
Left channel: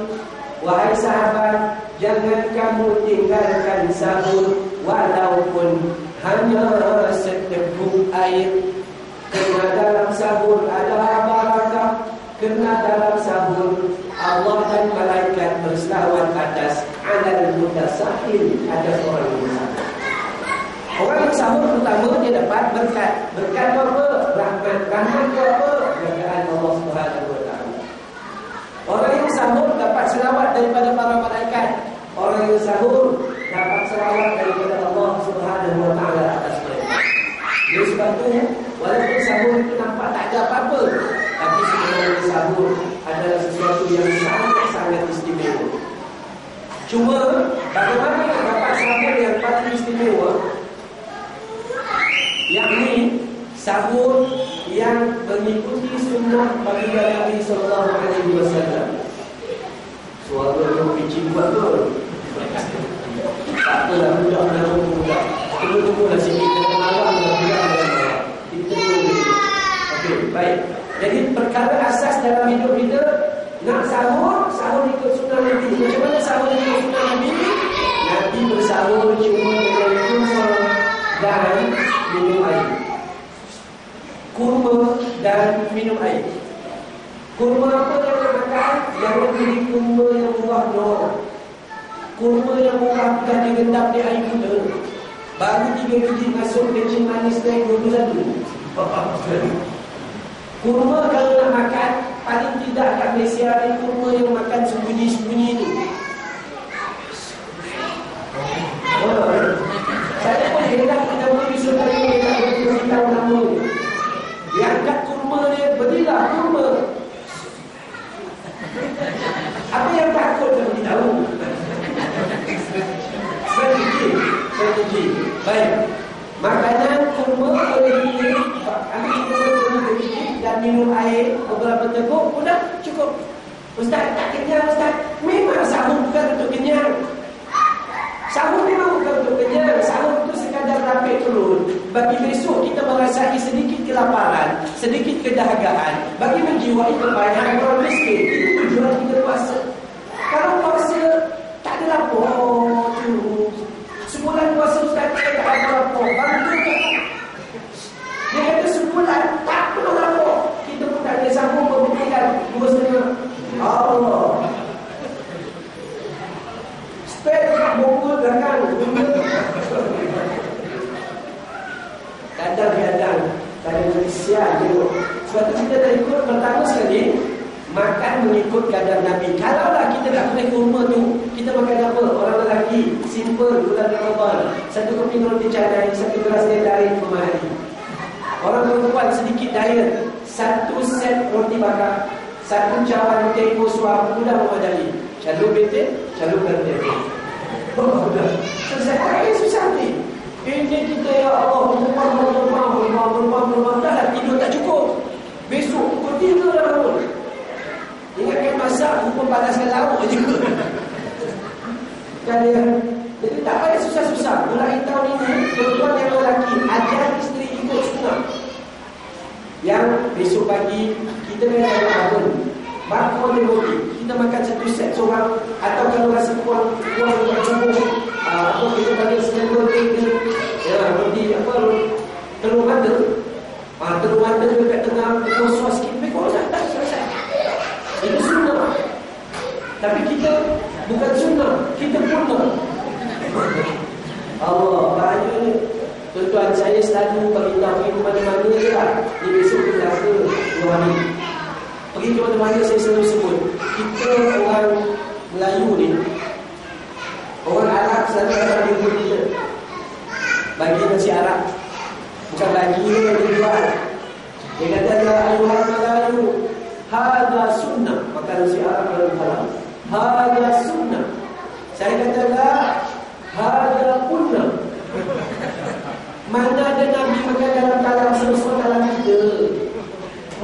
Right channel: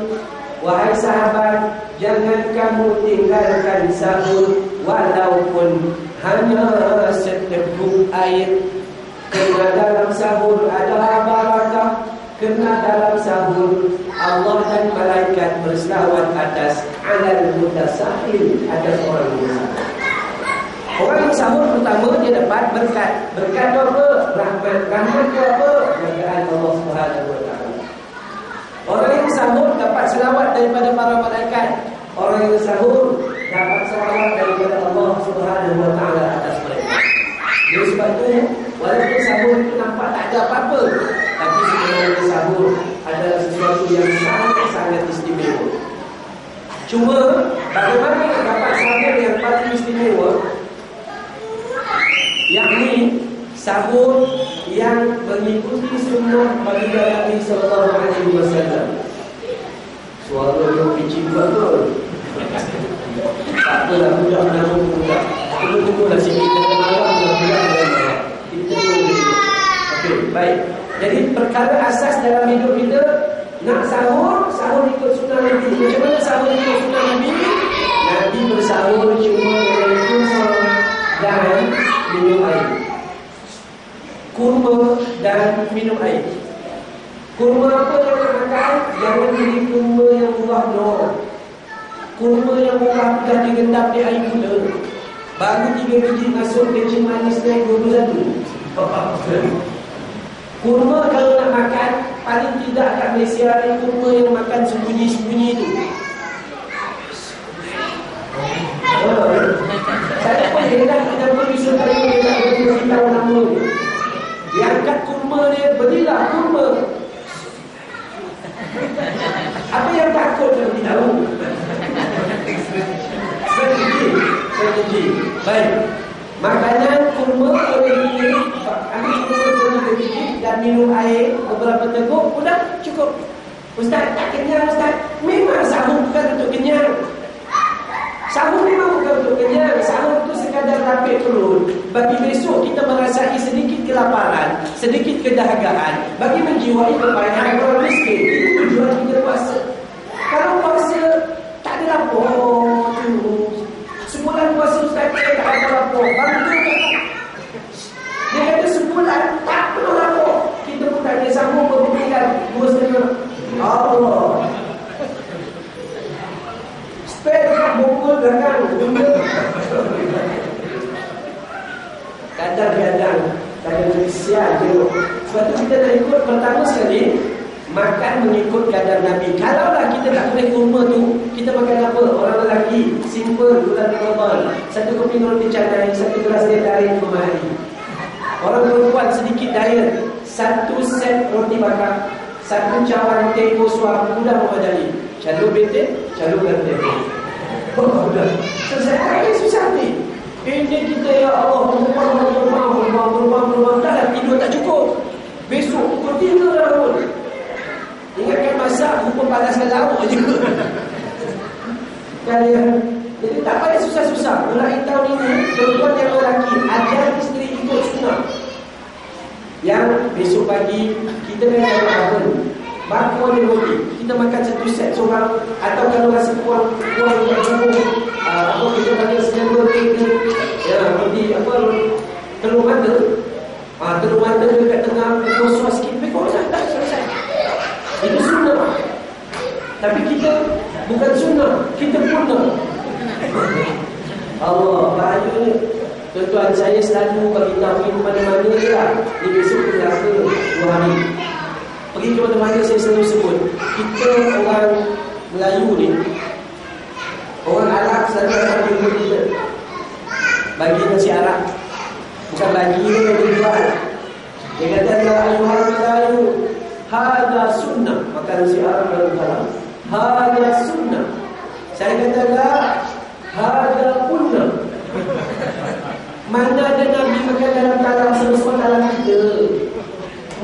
wahai sahabat, jangan kamu tinggalkan sahur walaupun hanya seteguk air. Kerana dalam sahur ada barakah. Kerana dalam sahur Allah dan malaikat berselawat atas alal mutasahil, atas orang yang bersabar. Orang yang sahur pertama dia dapat berkat. Berkat apa? Rahmat. Rahmat apa? Jagaan Allah Subhanahu Wa Taala. Orang yang sahur dapat selawat daripada para malaikat. Orang yang sahur dapat selawat daripada Allah Subhanahu Wa Taala atas mereka. Jadi sebab itu, walaupun sahur itu nampak tak ada apa-apa, tapi sebenarnya sahur adalah sesuatu yang sangat-sangat istimewa. Cuma bagaimana nak dapat sahur yang paling istimewa? Yakni sahur yang mengikuti sunnah baginda Nabi sallallahu alaihi wasallam. Suara yang picit buat tu. Tak apalah, budak nama budak. Tunggu-tunggulah sikit, jangan marah dengan budak. Kita tunggu. Okey, baik. Jadi perkara asas dalam hidup kita, nak sahur, sahur ikut sunnah Nabi. Macam mana sahur ikut sunnah Nabi? Nabi bersahur cuma dengan kurma dan minum air. Kurma dan minum air. Kurma apa yang nak makan? Jangan beli kurma yang murah doh. Kurma yang murah dah digendap di air gula. Baru 3 biji masuk kencing manis naik 21. Kurma kalau nak makan, paling tidak kat Malaysia ni kurma yang makan sembunyi-sembunyi tu. Makanan kurma boleh dipilih, ambil kurma sedikit dan minum air beberapa teguk, sudah cukup. Ustaz, tak kenyang Ustaz. Memang sahur bukan untuk kenyang. Sahur memang bukan untuk kenyang. Sahur itu sekadar rapid perut. Bagi besok kita merasai sedikit kelaparan, sedikit kedahagaan, bagi menjiwai kepayahan orang miskin. Itu tujuan kita puasa. Kalau puasa tak ada lapor tu. Sebulan puasa Ustaz tak ada lapor. Bantu tak? Dia kata sebulan tak pernah lapor. Kita pun tak ada sambung pembelian 2,5. Allah. Spare kat bongkol belakang. Kadang-kadang sial tengok. Sebab tu kita nak ikut pertama sekali, makan mengikut kadar Nabi. Kalaulah kita tak boleh kurma tu, kita makan apa? Orang lelaki simple bulan Ramadan, satu keping roti canai, satu gelas teh tarik memahari. Orang perempuan sedikit diet, satu set roti bakar, satu cawan tempo suap, mudah memadai. Calon bete, calonkan tempo. Oh, sudah. Selesai. Ini susah ni. Ini kita ya Allah, berubah. Dah tidur tak cukup. Besok pukul 3 dah bangun. Ingatkan masak, hukum panaskan lauk je. Jadi tak payah susah-susah. Mulai tahun ini, perempuan yang lelaki ajar isteri ikut sunnah. Yang besok pagi kita kena bangun, bakwan dan roti. Kita makan satu set seorang. Atau kalau rasa kuat tak cukup, apa kita panggil sekarang roti, roti apa, telur mata. Telur mata dekat tengah kosong sikit, pekor dah selesai. Itu sunnah. Tapi kita bukan sunnah, kita punah. Allah, bahaya ni. Tuan-tuan, saya selalu bagi tahu di mana-mana je lah. Ni besok kita rasa 2 hari. Pergi ke mana-mana saya selalu sebut, kita orang Melayu ni, orang Arab selalu datang jumpa kita bagi nasi Arab. Bukan bagi ni yang dijual. Dia kata, ya ayuhal Melayu, hada sunnah. Maka nasi Arab dalam kalam, hada sunnah. Saya kata, la hada punna. Mana ada Nabi makan dalam talam semua talam kita.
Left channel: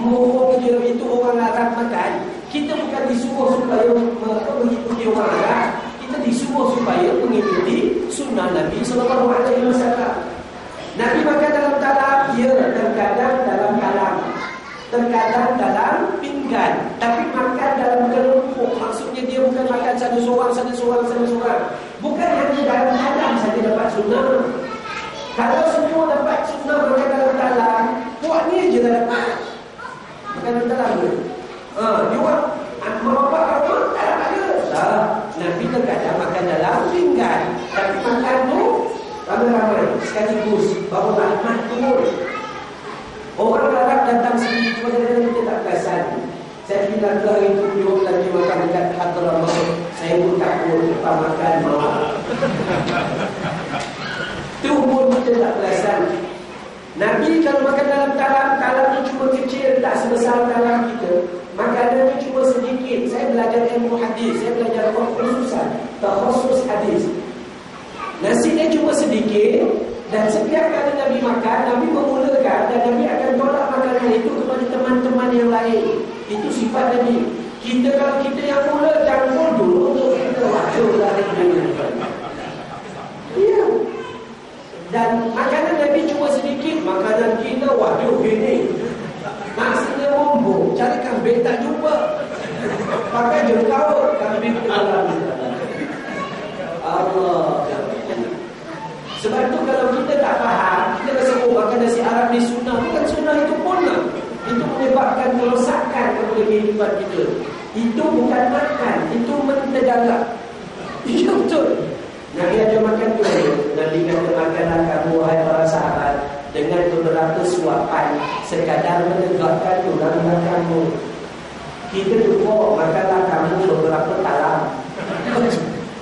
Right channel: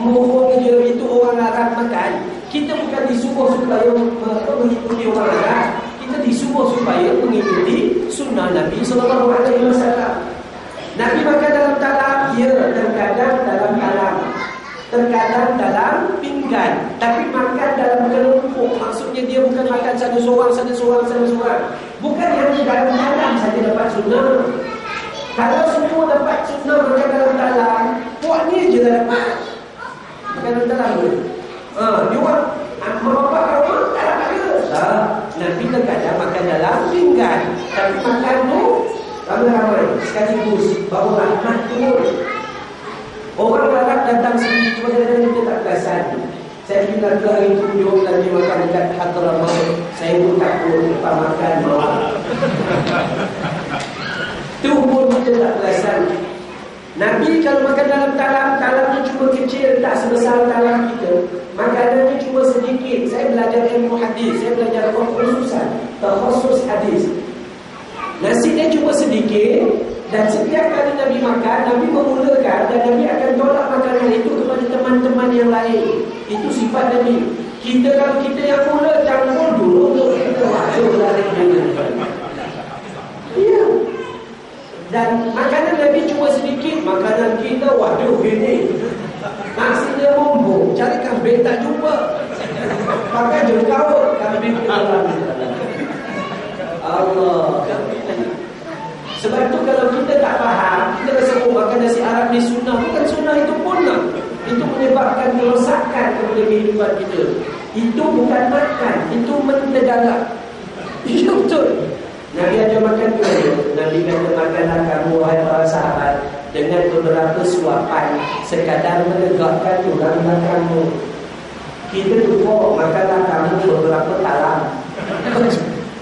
Mohon dia, itu orang Arab makan. Kita bukan disuruh supaya mengikuti orang Arab. Kita disuruh supaya mengikuti sunnah Nabi SAW. Nabi makan dalam talam, ya, terkadang dalam talam, terkadang dalam pinggan. Tapi makan dalam kelompok. Maksudnya dia bukan makan satu seorang. Bukan yang dalam talam saja dapat sunnah. Kalau semua dapat sunnah makan dalam talam, puak ni je dah dapat makan dalam talam tu. Dia buat mak bapak kau tak dapat ke? Tak. Nabi terkadang makan dalam pinggan. Tapi makan tu ramai-ramai sekaligus, baru rahmat turun. Orang Arab datang sini, cuma kadang-kadang kita tak perasan. Saya bila ke hari itu, dia lagi makan dekat Hadramaut. Saya pun takut lepas makan mau. Itu pun kita tak perasan. Nabi kalau makan dalam talam tu cuma kecil, tak sebesar talam kita. Makanannya cuma sedikit. Saya belajar ilmu hadis, saya belajar khususan, takhusus hadis. Nasi dia cuma sedikit, dan setiap kali Nabi makan, Nabi memulakan dan Nabi akan tolak makanan itu kepada teman-teman yang lain. Itu sifat Nabi. Kalau kita yang mula campur dulu, kita wajar lari dulu. Ya. Dan makanan Nabi cuma sedikit, makanan kita waduh ini. Nasinya mumpung, cari kambing tak jumpa. Pakai jengkau, kambing dalam. Allah. Sebab itu kalau kita tak faham, kita rasa makan nasi Arab ni sunnah. Bukan sunnah, itu punah. Itu menyebabkan kerosakan kepada kehidupan kita. Itu bukan makan, itu mendadak. Ya betul. Nabi ajar makan tu. Nabi kata makanlah kamu wahai para sahabat dengan beberapa suapan sekadar menegakkan tulang belakangmu. Kita lupa makanlah kamu beberapa talam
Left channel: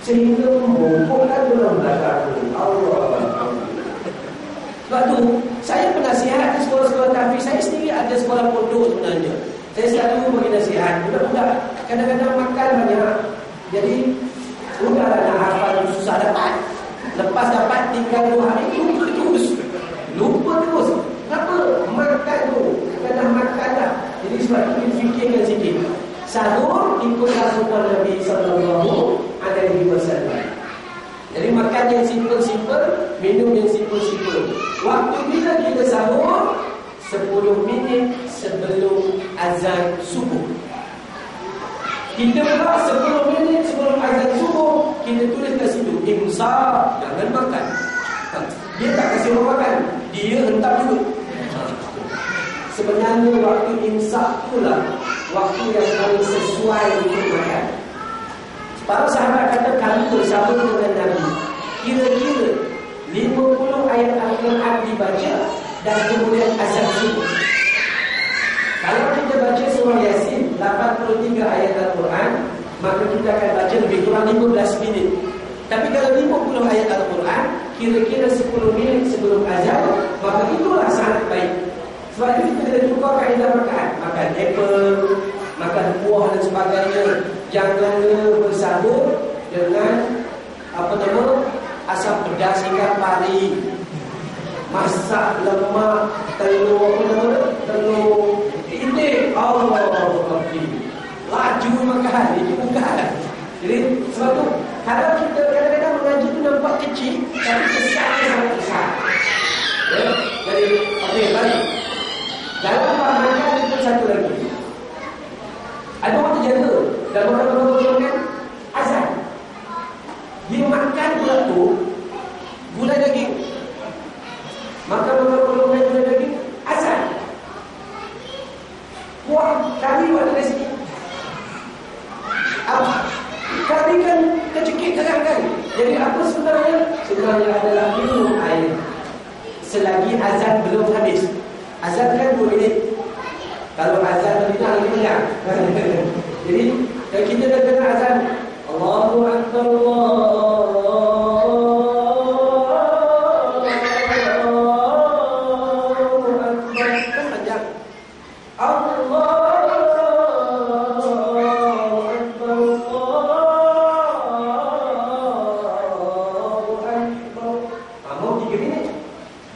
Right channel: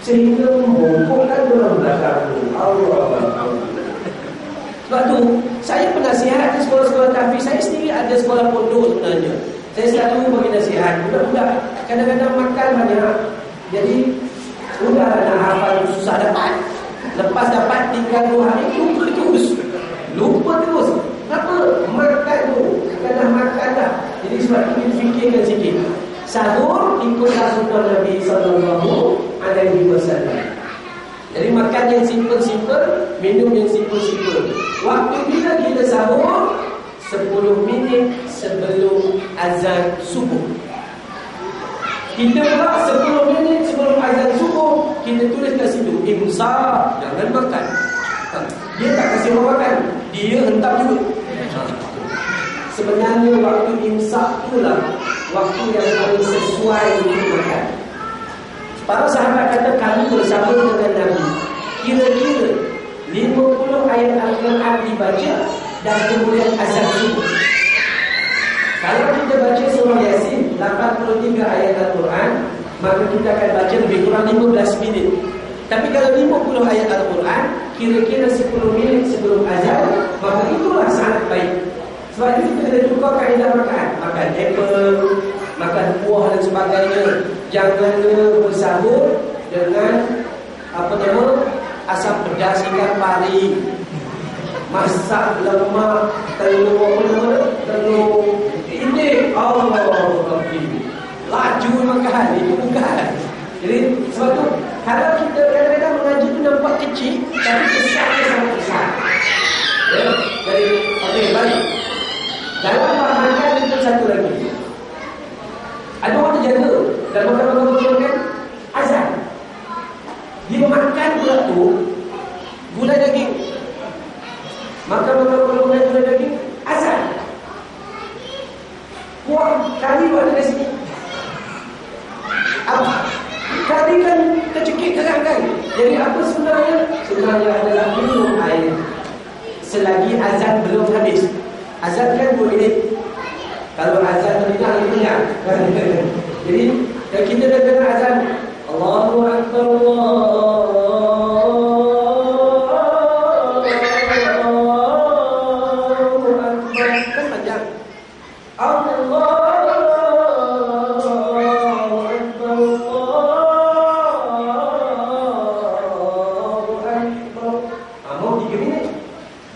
sehingga membongkokkan tulang belakangmu. Allah. Sebab tu saya penasihat di sekolah-sekolah tahfiz. Saya sendiri ada sekolah pondok sebenarnya. Saya selalu bagi nasihat budak-budak kadang-kadang makan banyak, jadi udahlah nak hafal susah dapat. Lepas dapat tinggal 2 hari lupa terus. lupa terus. Apa? Makan tu. Dah makan dah. Jadi sebab itu fikirkan sikit. Sahur ikutlah sunnah Nabi SAW. Jadi makan yang simple-simple, minum yang simple-simple. Waktu bila kita sahur 10 minit sebelum azan subuh. Kita pula 10 minit sebelum azan subuh, kita tulis kat situ imsak, jangan makan. Dia tak kasih orang makan, dia hentam juga. Sebenarnya waktu imsak itulah waktu yang paling sesuai untuk makan. Para sahabat kata kami bersama dengan Nabi, kira-kira 50 ayat Al-Quran dibaca dan kemudian azan subuh. Kalau kita baca surah Yasin 83 ayat Al-Quran, maka kita akan baca lebih kurang 15 minit. Tapi kalau 50 ayat Al-Quran, kira-kira 10 minit sebelum azan, maka itulah sangat baik. Sebab itu kita kena tukar kaedah makan. Makan apple, makan buah dan sebagainya. Jangan bersahur dengan asam pedas ikan pari, masak lemak, telur ini Allah laju makan, itu bukan. Jadi sebab tu kalau kita kadang-kadang mengaji tu nampak kecil, tapi kesannya sangat besar. Ya? Jadi okey, balik. Dalam makan itu satu lagi. Ada orang terjaga dan makan azan. Dia makan pula tu gulai daging. Makan gulai daging azan. Wah, kami buat dari sini. Apa? Kami kan tercekik terang kan. Jadi apa sebenarnya? Sebenarnya adalah minum air selagi azan belum habis. Azan kan 2 minit. Kalau azan tidak lagi kenyang. Jadi kalau kita dah dengar azan, Allahu Akbar, Allahu Akbar, kan panjang. Allahu Akbar, Allahu Akbar. Mau 3 minit.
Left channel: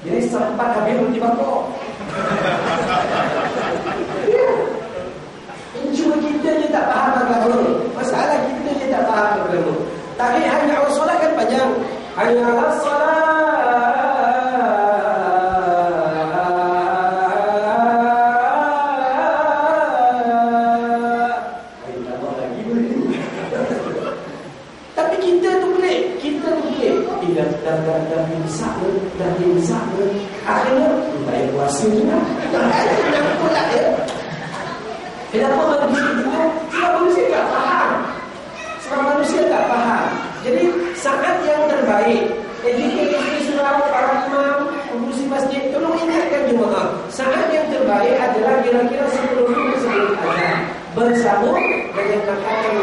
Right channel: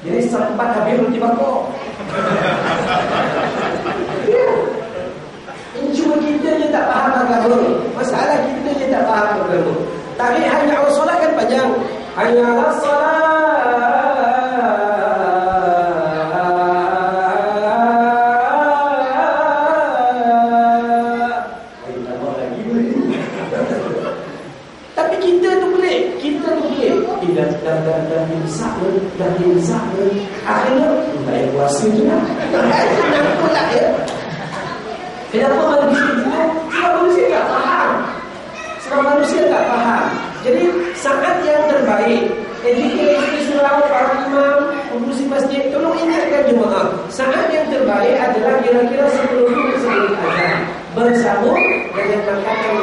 Jadi sempat habis roti bakar. Cuma kita je tak faham agama. Masalah kita je tak faham agama. Tapi hanya awal solat kan panjang. Hanya awal solat. Tapi kita tu pelik. Dah imsak. Akhirnya tak payah puasa je lah. Kenapa pula ya? Kenapa manusia itu? Sebab manusia tak faham. Jadi saat yang terbaik, education surau, para imam, pengurusi masjid, tolong ingatkan jemaah. Saat yang terbaik adalah kira-kira 10 minit sebelum azan. Bersahur dengan makanan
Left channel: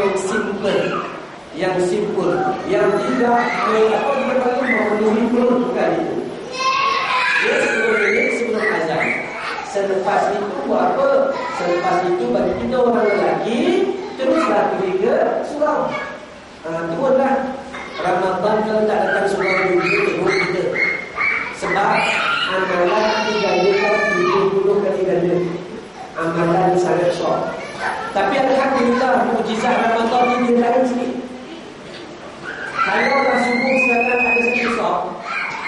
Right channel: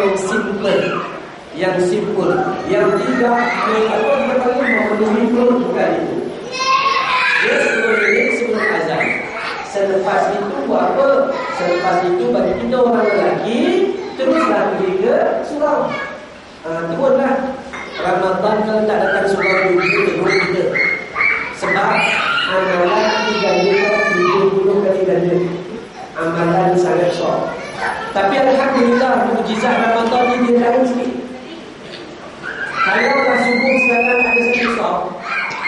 yang simple, yang tidak memenuhi perut, bukan itu. Dia 10 minit sebelum azan. Selepas itu buat apa? Selepas itu bagi kita orang lelaki, teruslah pergi ke surau. Turunlah. Ramadan kalau tak datang surau turun kita. Sebab amalan 70 kali ganda. Amalan sangat besar. Tapi alhamdulillah mukjizat Ramadan ni dia lain sikit. Kalau dah subuh sekarang ada sikit sah.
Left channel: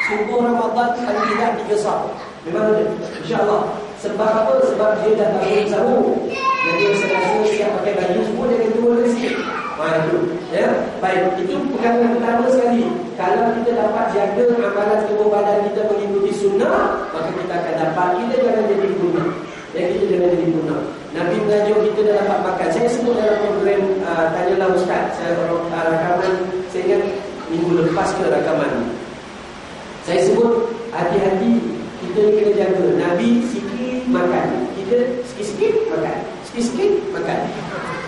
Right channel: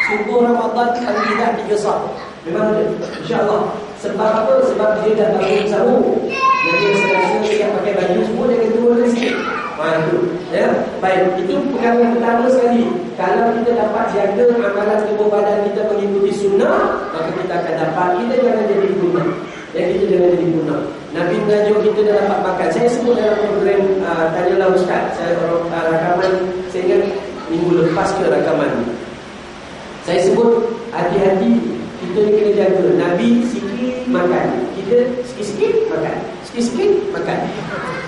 Subuh Ramadan paling tidak 3 sah. Memang ada, insya-Allah. Sebab apa? Sebab dia dah bangun sahur. Jadi saya rasa siap pakai baju semua jangan turun lagi sikit. Itu, ya. Baik, itu perkara yang pertama sekali. Kalau kita dapat jaga amalan tubuh badan kita mengikuti sunnah, maka kita akan dapat. Kita jangan jadi guna. Kita jangan jadi guna. Nabi mengajar kita dah dapat makan. Saya sebut dalam program Tanyalah Ustaz. Saya rakaman, saya ingat minggu lepas ke rakaman ni. Saya sebut hati-hati. Kita ni kena jaga. Nabi sikit makan, kita sikit-sikit makan, sikit-sikit makan.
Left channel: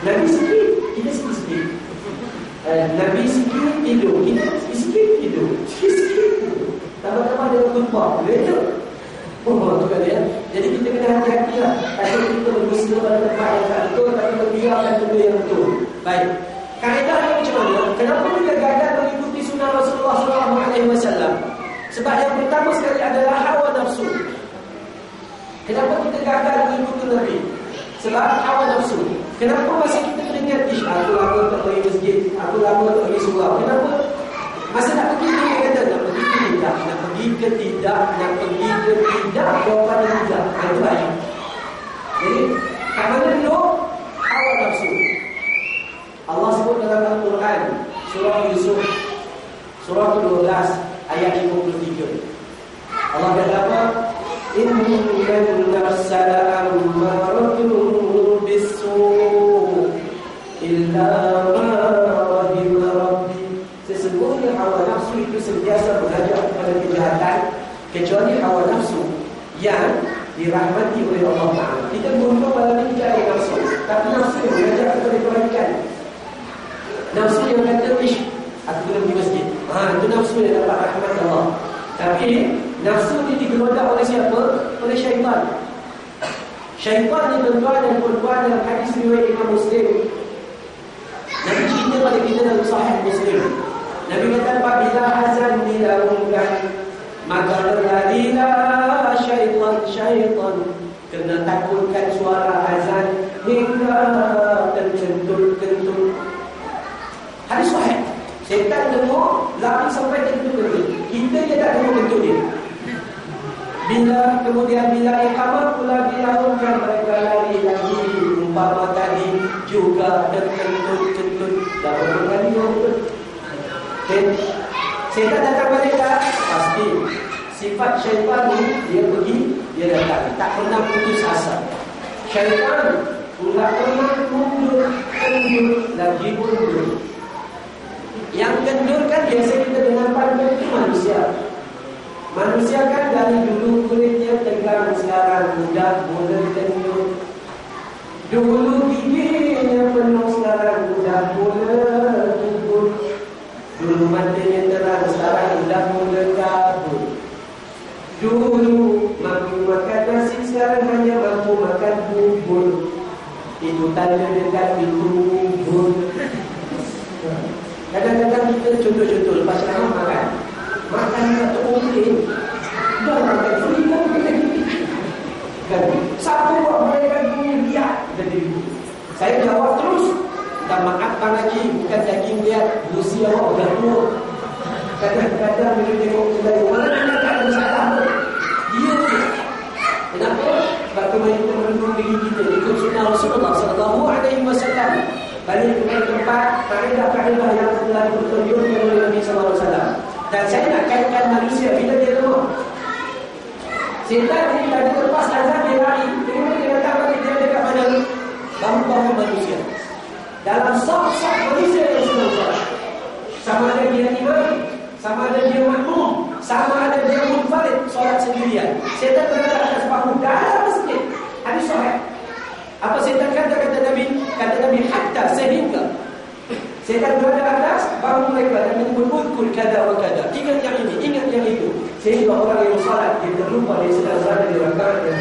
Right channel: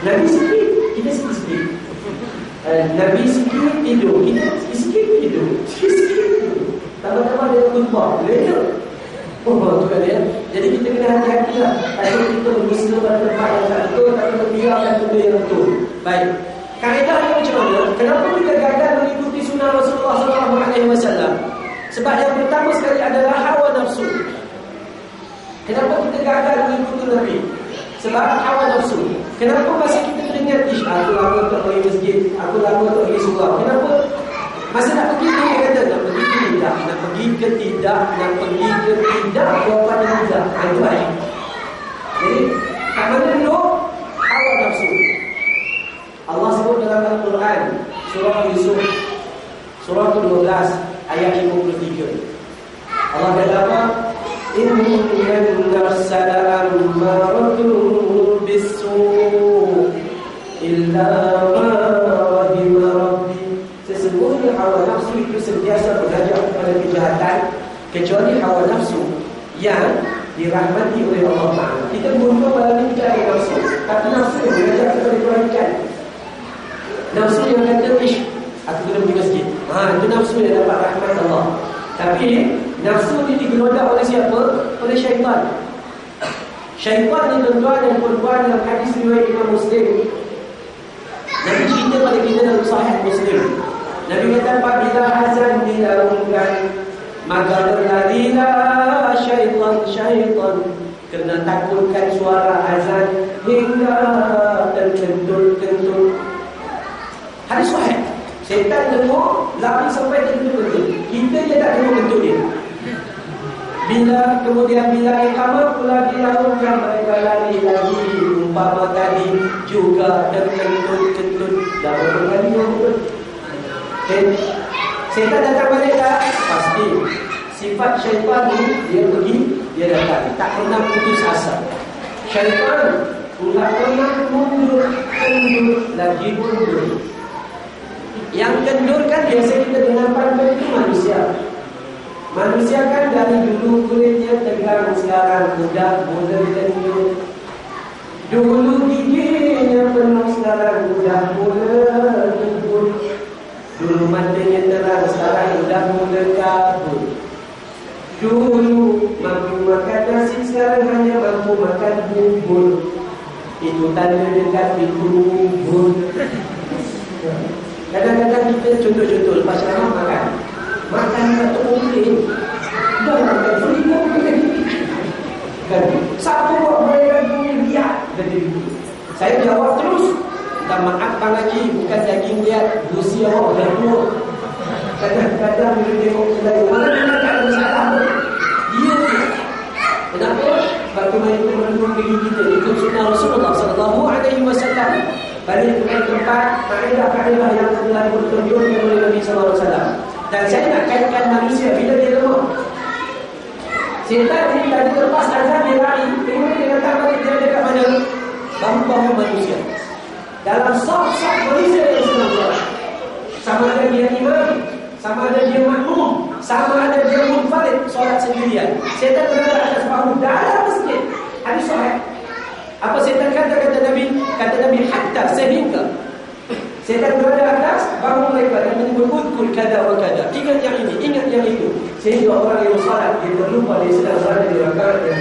Nabi sikit, kita sikit-sikit. Nabi sikit tidur, kita sikit-sikit tidur, sikit-sikit tidur. Tambah-tambah dia tumpah, dia tu kan ya. Jadi kita kena hati-hati lah. Kalau kita berusaha pada tempat yang tak betul, tapi membiarkan benda yang betul. Baik. Kaedahnya macam mana? Kenapa kita gagal mengikuti sunnah Rasulullah SAW? Sebab yang pertama sekali adalah hawa nafsu. Kenapa kita gagal mengikuti Nabi? Sebab hawa nafsu. Kenapa masa kita teringat, aku lama tak pergi masjid, aku lama tak pergi surau. Kenapa? Masa nak pergi dia kata, nak pergi ke tidak, nak pergi ke tidak, nak pergi ke tidak, jawapannya tidak. Itu baik. Jadi, kat mana dulu? Hawa nafsu. Allah sebut dalam Al-Quran, surah Yusuf, surah ke-12, ayat 53. Allah kata apa? Innan nafsa la'ammaratun bis-su' illa ma rahima rabbi. Sesungguhnya hawa nafsu itu sentiasa mengajak kepada kejahatan, kecuali hawa nafsu yang dirahmati oleh Allah Ta'ala. Kita beruntung pada mencari nafsu, tapi nafsu yang mengajak kepada kebaikan. Nafsu yang kata, aku kena pergi masjid. Itu nafsu yang dapat rahmat Allah. Tapi nafsu ini digelodak oleh siapa? Oleh syaitan. Syaitan ni tuan-tuan dan puan-puan dalam hadis riwayat Imam Muslim. Nabi cerita pada kita dalam Sahih Muslim. Nabi kata, apabila azan dilakukan, maka berlarilah syaitan kerana takutkan suara azan hingga terkentut-kentut. Hadis sahih. Syaitan dengar lari sampai terkentut-kentut. Kita je tak dengar kentut dia. Kemudian bila iqamah pula dilakukan, mereka lari lagi. Umpama tadi juga terkentut-kentut. Dah berapa kali betul? Syaitan datang balik tak? Pasti. Sifat syaitan ni, dia pergi, dia datang. Tak pernah putus asa. Syaitan tak pernah mundur, lagi mundur. Yang kendur kan biasa kita dengar pandang itu manusia. Manusia kan dari dulu kulitnya tegang, sekarang mudah mula kendur. Dulu giginya penuh, sekarang mudah mula kendur. Dulu matanya terang, sekarang mudah mula kabur. Dulu mampu makan nasi, sekarang hanya mampu makan bubur. Itu tanda dekat pintu bubur. Kadang-kadang kita contoh-contoh lepas ceramah makan tak terkomplain. Dah makan free pun kita kan. Siapa buat mereka ni lihat dari itu. Saya jawab terus. Dan maaf Bang Haji, bukan daging lihat, gusi awak dah tua. Kadang-kadang bila tengok kedai mana tak ada masalah pun. Dia ni. Kenapa? Sebab kita menunggu diri kita ikut sunnah Rasulullah SAW. Balik ke tempat kaedah-kaedah yang telah ditunjukkan oleh Nabi SAW. Dan saya nak kaitkan manusia bila dia lemah. Syaitan ni tadi lepas azan dia lari, kemudian dia datang balik, dia dekat mana? Bahu-bahu manusia. Dalam saf-saf manusia yang sedang solat. Sama ada dia imam, sama ada dia makmum, sama ada dia munfarid solat sendirian. Syaitan berada atas bahu dalam masjid. Hadis sahih. Apa syaitan kata Nabi? Kata Nabi, hatta sehingga syaitan berada atas bahu mereka dan menyebut udkul kada wa kada. Ingat yang ini, ingat yang itu. Sehingga orang yang salat dia terlupa dia sedang berada di rakaat yang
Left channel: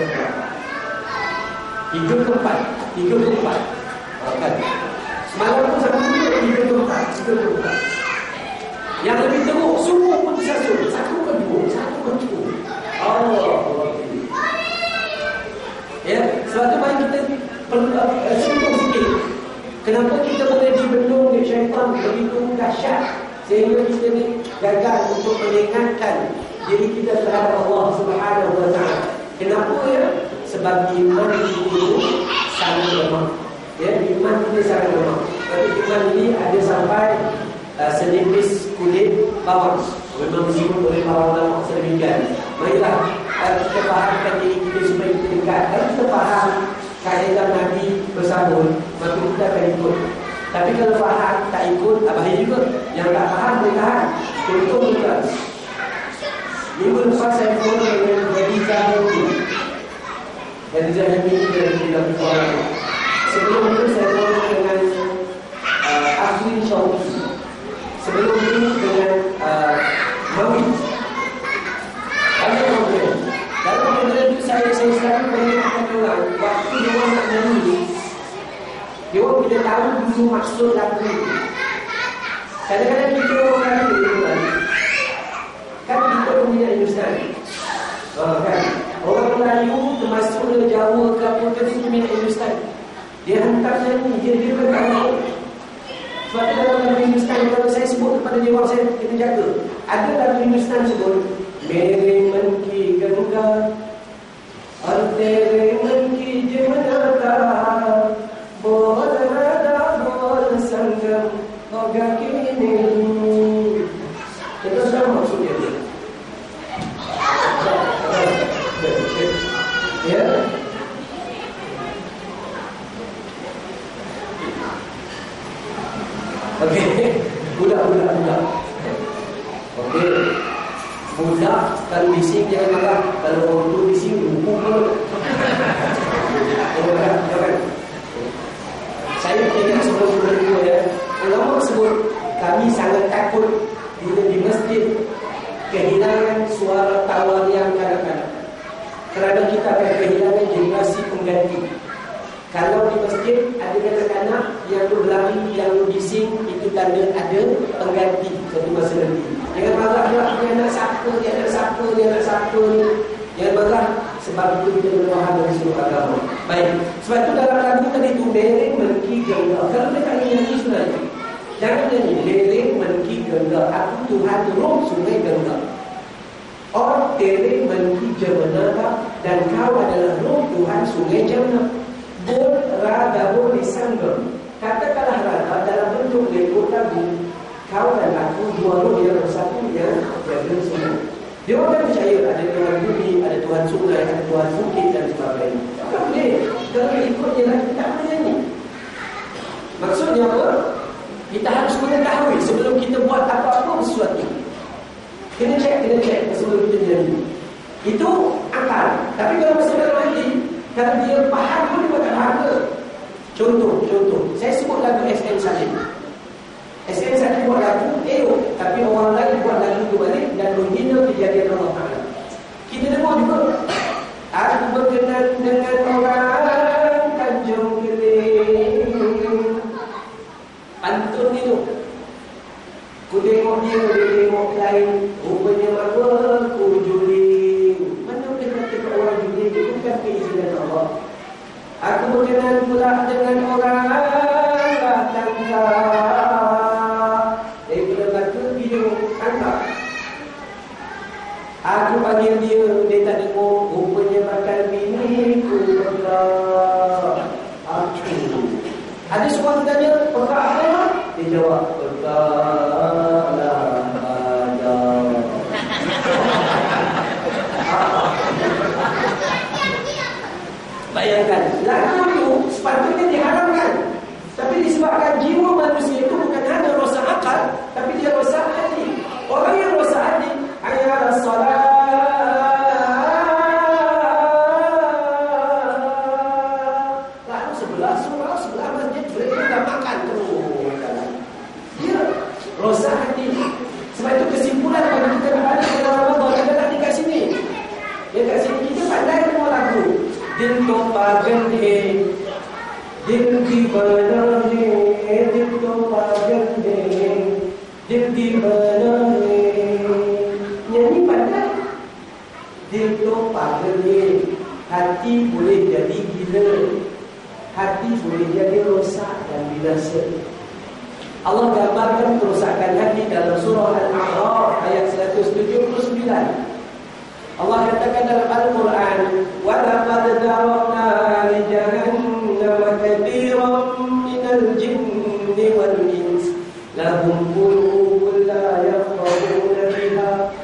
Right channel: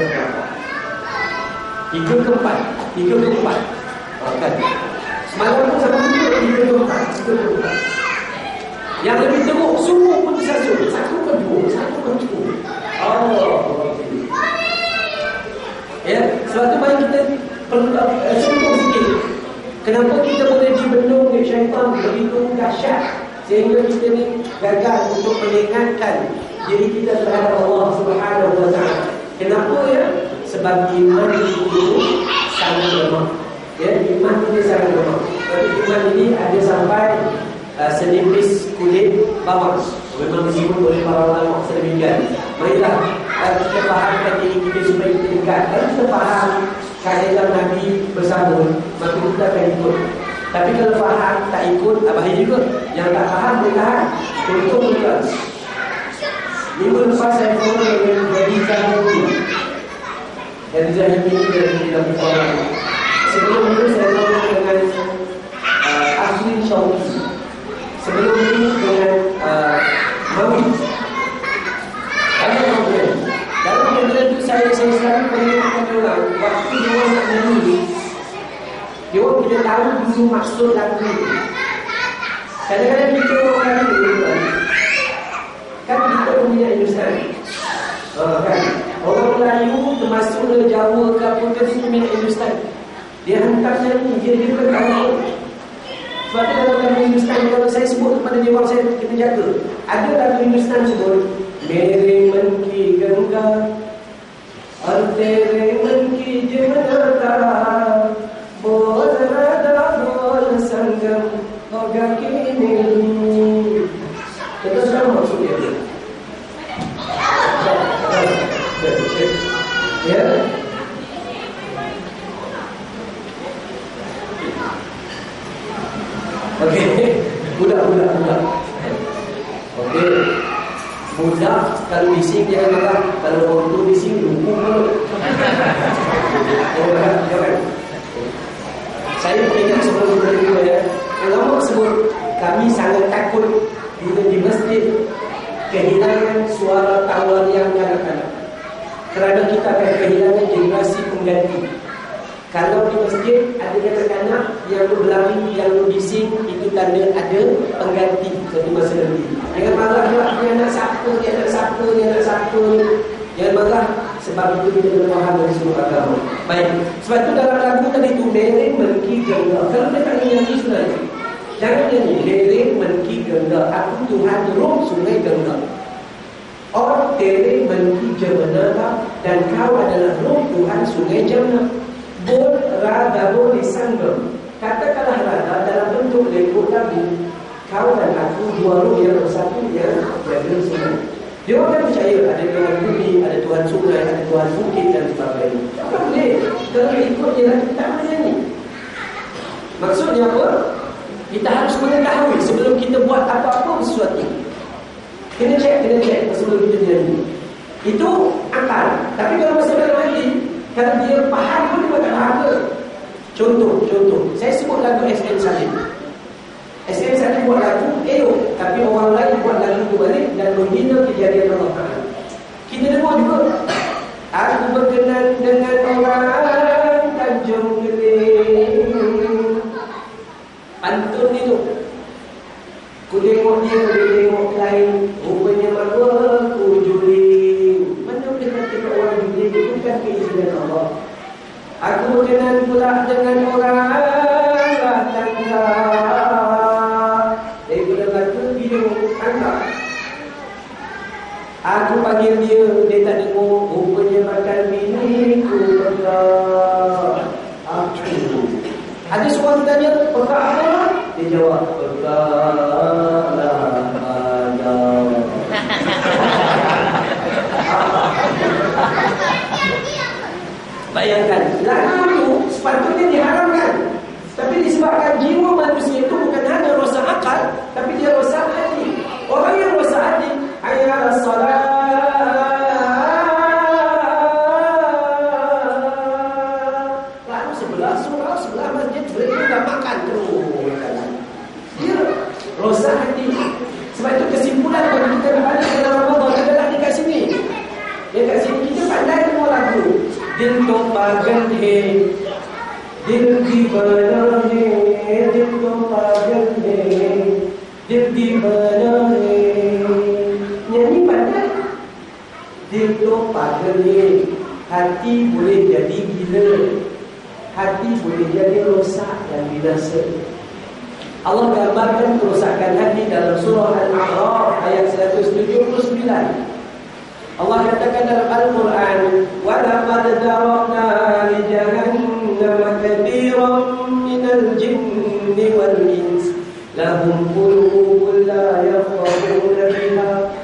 keempat. 3 ke 4. Kan? Semalam pun sama juga 3 ke 4. Yang lebih teruk, semua pun disasut. 1 ke 2. Allah. Ya, sebab tu mari kita perlu fikir. Kenapa kita boleh dibendung oleh syaitan begitu dahsyat sehingga kita ni gagal untuk mengingatkan diri kita terhadap Allah Subhanahu wa taala. Kenapa ya? Sebab iman itu sangat lemah. Ya, iman kita sangat lemah. Tapi iman ini ada sampai senipis kulit bawang. Memang disebut oleh para ulama sedemikian. Marilah kita fahamkan diri kita supaya kita dekat. Kalau kita faham kaedah Nabi bersambung, maka kita akan ikut. Tapi kalau faham tak ikut, bahaya juga. Yang tak faham boleh tahan. Contoh juga. Minggu lepas saya bertemu dengan Khadijah Hamidi. Khadijah Hamidi dari dalam sekolah. Sebelum itu saya bertemu dengan Afrin Syawki. Sebelum itu dengan Mawi. Ada problem. Dalam problem itu saya selalu mengingatkan orang waktu dia orang nak nyanyi, dia orang tidak tahu dulu maksud lagu itu. Kadang-kadang kita orang nyanyi, Kan kita punya Hindustan. Kan? Orang Melayu termasuk Jawa ke apa ke dia minat Hindustan. Dia hantar nyanyi, dia kan tahu. Sebab tu dalam lagu Hindustan, kalau saya sebut kepada dia orang, saya kena jaga. Ada lagu Hindustan sebut Mere man ki ganga और तेरे मन की जमनाता बोल राधा बोल संगम होगा कि नहीं. Itu sama maksudnya. Ya. Okey, budak. Okey. Budak kalau bising jangan marah. Kalau orang tu bising hukum pun. Jangan. Saya ingat sebelum berdua ya. Ulama sebut kami sangat takut bila di masjid kehilangan suara tawa yang kanak-kanak. Kerana kita akan kehilangan generasi pengganti. Kalau di masjid ada kanak-kanak yang berlari, yang berbising, itu tanda ada pengganti satu masa nanti. Jangan marah pula, dia nak siapa, Jangan marah, sebab itu kita berfaham dari seluruh agama. Baik, sebab itu dalam lagu tadi itu Lereng Menki Gengga. Kalau dia tak nyanyi sebenarnya, jangan nyanyi Lereng Menki Gengga, aku Tuhan Rom Sungai Gengga. Or Tere Menki Jamana, dan kau adalah Rom Tuhan Sungai Jamna. Bol Radha Bol Disanggam. Katakanlah Radha dalam bentuk lekuk lagu. Kau dan aku dua roh yang bersatu yang jaga sungai. Dia orang kan percaya ada Tuhan bumi, ada Tuhan sungai, ada Tuhan bukit dan sebagainya. Tak boleh. Kalau ikut dia lagi tak boleh nyanyi. Maksudnya apa? Kita harus mengetahui sebelum kita buat apa-apa sesuatu. Kena cek sebelum kita nyanyi. Itu akal. Tapi kalau masih dalam hati, kalau dia faham pun dia tak faham ke? Contoh. Saya sebut lagu SM Salim. SM Salim buat lagu, tapi orang lain buat lagu itu balik dan menghina kejadian Allah Ta'ala. Kita dengar juga. Aku berkenan dengan orang Tanjung Keling. Pantun itu. Ku tengok dia, dia tengok lain. Rupanya malu ku juling. Mana boleh kata ke orang juling? Itu bukan keizinan Allah. Aku berkenan pula dengan orang tangga. Daripada kata dia tangga. Aku panggil dia tak dengar. Rupanya makan bini ku pegang. Ada seorang tanya, pegang apa? Dia jawab, peganglah ayam. Bayangkan, lagu itu sepatutnya diharamkan. Tapi disebabkan jiwa manusia itu bukan hanya rosak akal, tapi dia rosak hati. Orang yang rosak hati, hayya salat. Lalu sebelah surau, sebelah masjid, mereka dah makan terus. Dia rosak hati. Sebab itu kesimpulan bagi kita berbalik dalam Ramadan adalah dekat sini. Dekat sini kita pandai semua lagu. Dil to pagal hai, dil divana hai, dil to pagal hai, dil divana hai. Nyanyi pandai. Dil to pagal hai, hati boleh jadi gila, hati boleh jadi rosak dan binasa. Allah gambarkan kerosakan hati dalam surah Al-A'raf ayat 179. Allah katakan dalam Al-Quran, wa laqad darabna li jahannama katsiran minal jinni wal ins lahum qulubun la yafqahuna biha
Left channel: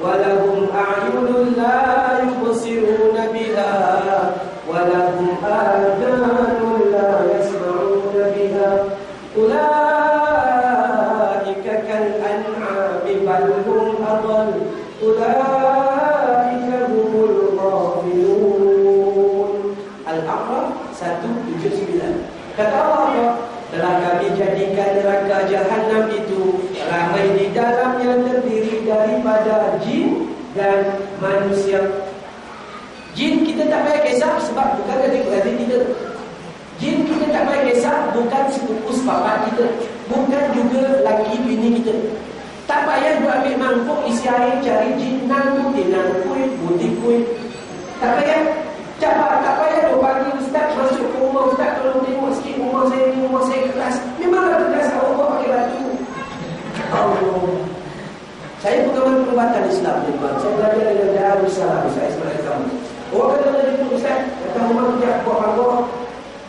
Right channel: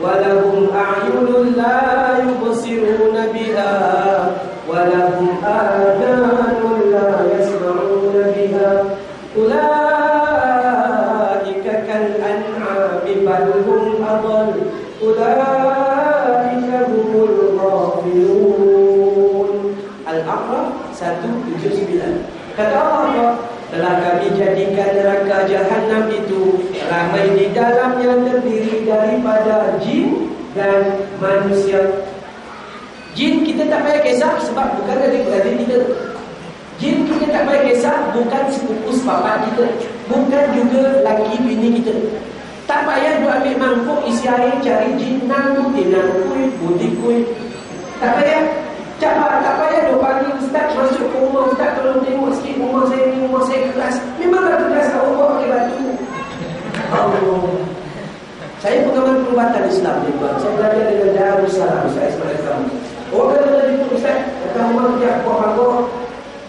wa lahum a'yunun la yubsiruna biha wa lahum adhanun la yasma'una biha ulaika kal an'ami bal hum adall ulaika humul ghafilun. Al-A'raf 179. Kata Allah, telah kami jadikan neraka Jahannam itu ramai di dalam yang terdiri daripada jin dan manusia. Jin kita tak payah kisah sebab bukan adik-adik kita. Jin kita tak payah kisah bukan sepupu sepapak kita, bukan juga laki bini kita. Tak payah duk ambil mangkuk isi air cari jinang, tinang kuih, putih kuih. Tak payah. Tak payah duk panggil ustaz masuk ke rumah ustaz, tolong tengok sikit rumah saya ni, rumah saya keras. Memang keras, awak bawa pakai batu. Allah. Saya pengamal perubatan Islam, tuan. Saya belajar dengan Darussalam, saya sebagai kamu. Orang kata tadi tu ustaz, datang rumah kerja buat bangkok.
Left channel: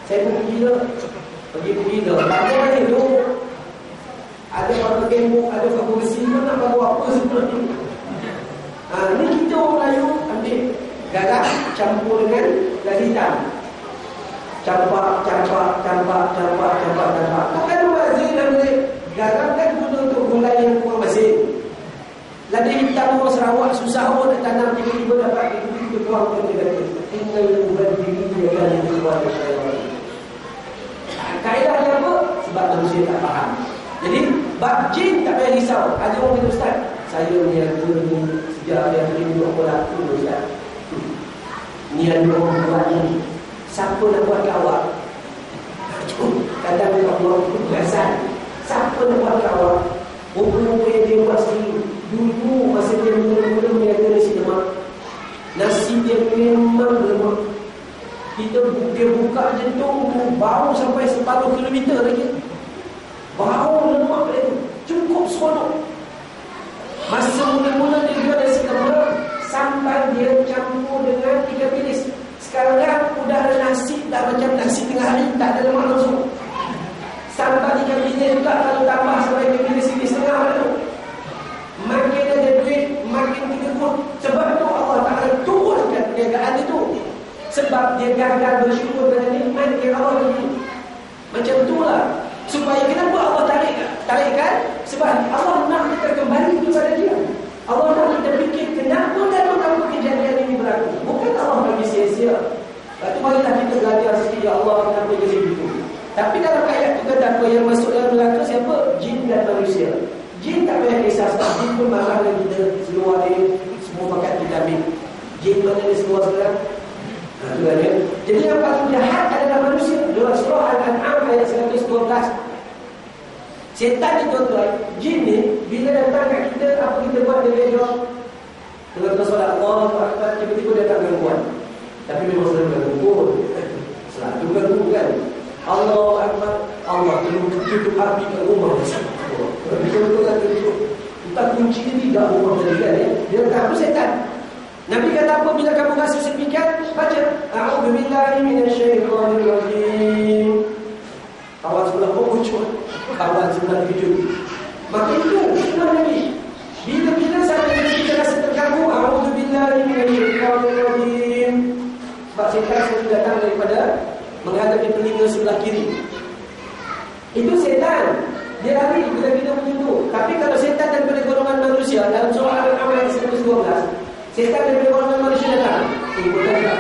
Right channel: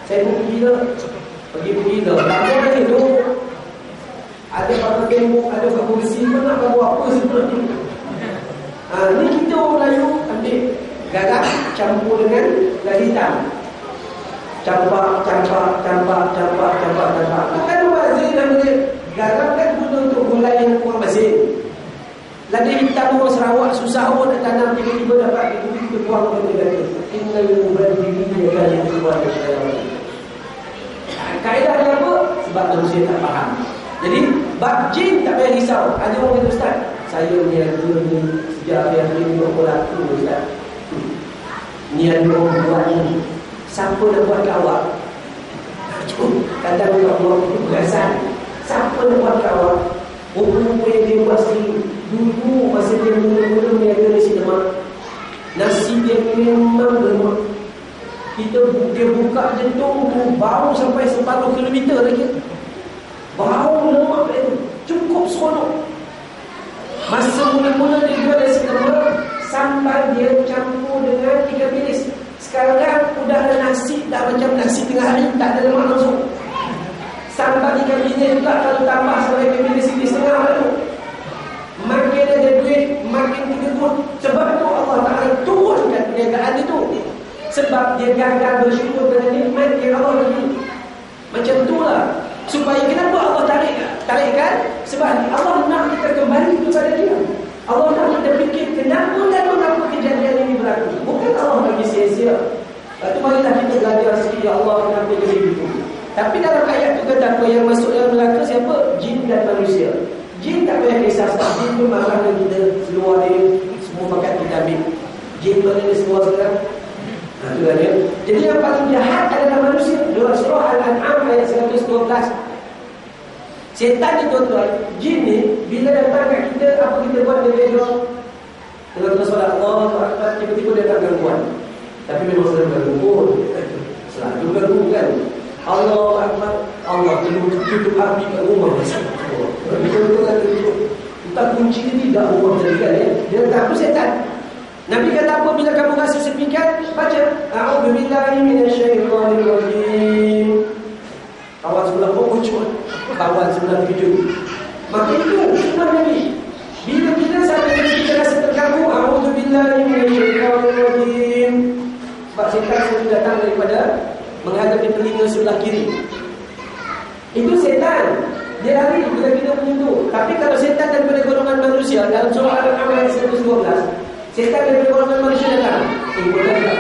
Saya pun pergi dah. Bangkok ni tu ada bangkok tembok, ada bangkok besi, pun nak buat apa sebenarnya. Ni kita orang Melayu ambil garam campur dengan garam hitam. Campak. Bukan wazir dan garam kan guna untuk gulai yang kurang masin. Lada hitam orang Sarawak susah pun nak tanam, tiba-tiba dapat kita buang ke negara. Innal mubadzirina kanu ikhwana syaitan. Kaedah dia apa? Sebab manusia tak faham. Jadi bab jin tak payah risau. Ada orang kata ustaz, saya niaga ni sejak hari ni orang laku ustaz. Niaga orang buat ni. Siapa nak buat ke awak? Kadang dia buat perasan. Siapa nak buat ke awak? Rupa-rupa yang dia buat sendiri. Dulu masa dia mula-mula niaga nasi lemak, nasi dia memang lemak. Dia buka jentung tu, bau sampai separuh kilometer lagi. Bau lemak dia tu, cukup seronok. Masa mula-mula dia jual nasi lemak, sambal dia campur dengan 3 bilis. Sekarang udah ada nasi, dah macam nasi tengah hari, tak ada lemak langsung. Sambal 3 bilis juga kalau tambah sampai 3 bilis setengah tu. Makin ada duit, makin tegur. Sebab tu Allah Ta'ala turunkan perniagaan itu. Sebab dia gagal bersyukur dengan nikmat yang Allah beri. Macam itulah. Supaya kenapa Allah tarikkan? Sebab Allah nak kita kembali kepada dia. Allah nak kita fikir kenapa kejadian ini berlaku. Bukan Allah bagi sia-sia. Lepas tu marilah kita belajar sikit, ya Allah kenapa jadi begitu. Tapi dalam ayat tu kata apa yang masuk dalam neraka siapa? Jin dan manusia. Jin tak payah kisah sebab jin pun marah dengan kita. Seluar dia semua pakat kita ambil. Jin mana dia semua sekarang? Itu kan dia. Jadi yang paling jahat adalah manusia. Dalam surah Al-An'am ayat 112. Setan ni tuan-tuan, jin ni bila datang kat kita, apa kita buat dia jawab? Tengah-tengah solat Allah Akbar, tiba-tiba dia datang gangguan. Tapi memang selalu ganggu pun. Selalu ganggu kan. Allah Akbar, Allah tutup api kat rumah. Betul-betul kan tutup. Entah kunci ni tidak rumah tadi kan ya. Dia kata apa setan? Nabi kata apa bila kamu rasa sepikan? Baca A'udzubillahi minasyaitonirrajim. Kawan sebelah pokok cuma, kawan sebelah video. Maka itu sunnah Nabi. Bila-bila sampai kita rasa terganggu, A'udzubillahi minasyaitonirrajim. Sebab setan selalu datang daripada menghadapi telinga sebelah kiri. Itu setan. Dia lari bila kita menyentuh. Tapi kalau setan daripada golongan manusia, dalam surah Al-An'am ayat 112, setan daripada golongan manusia datang. Bukan tak.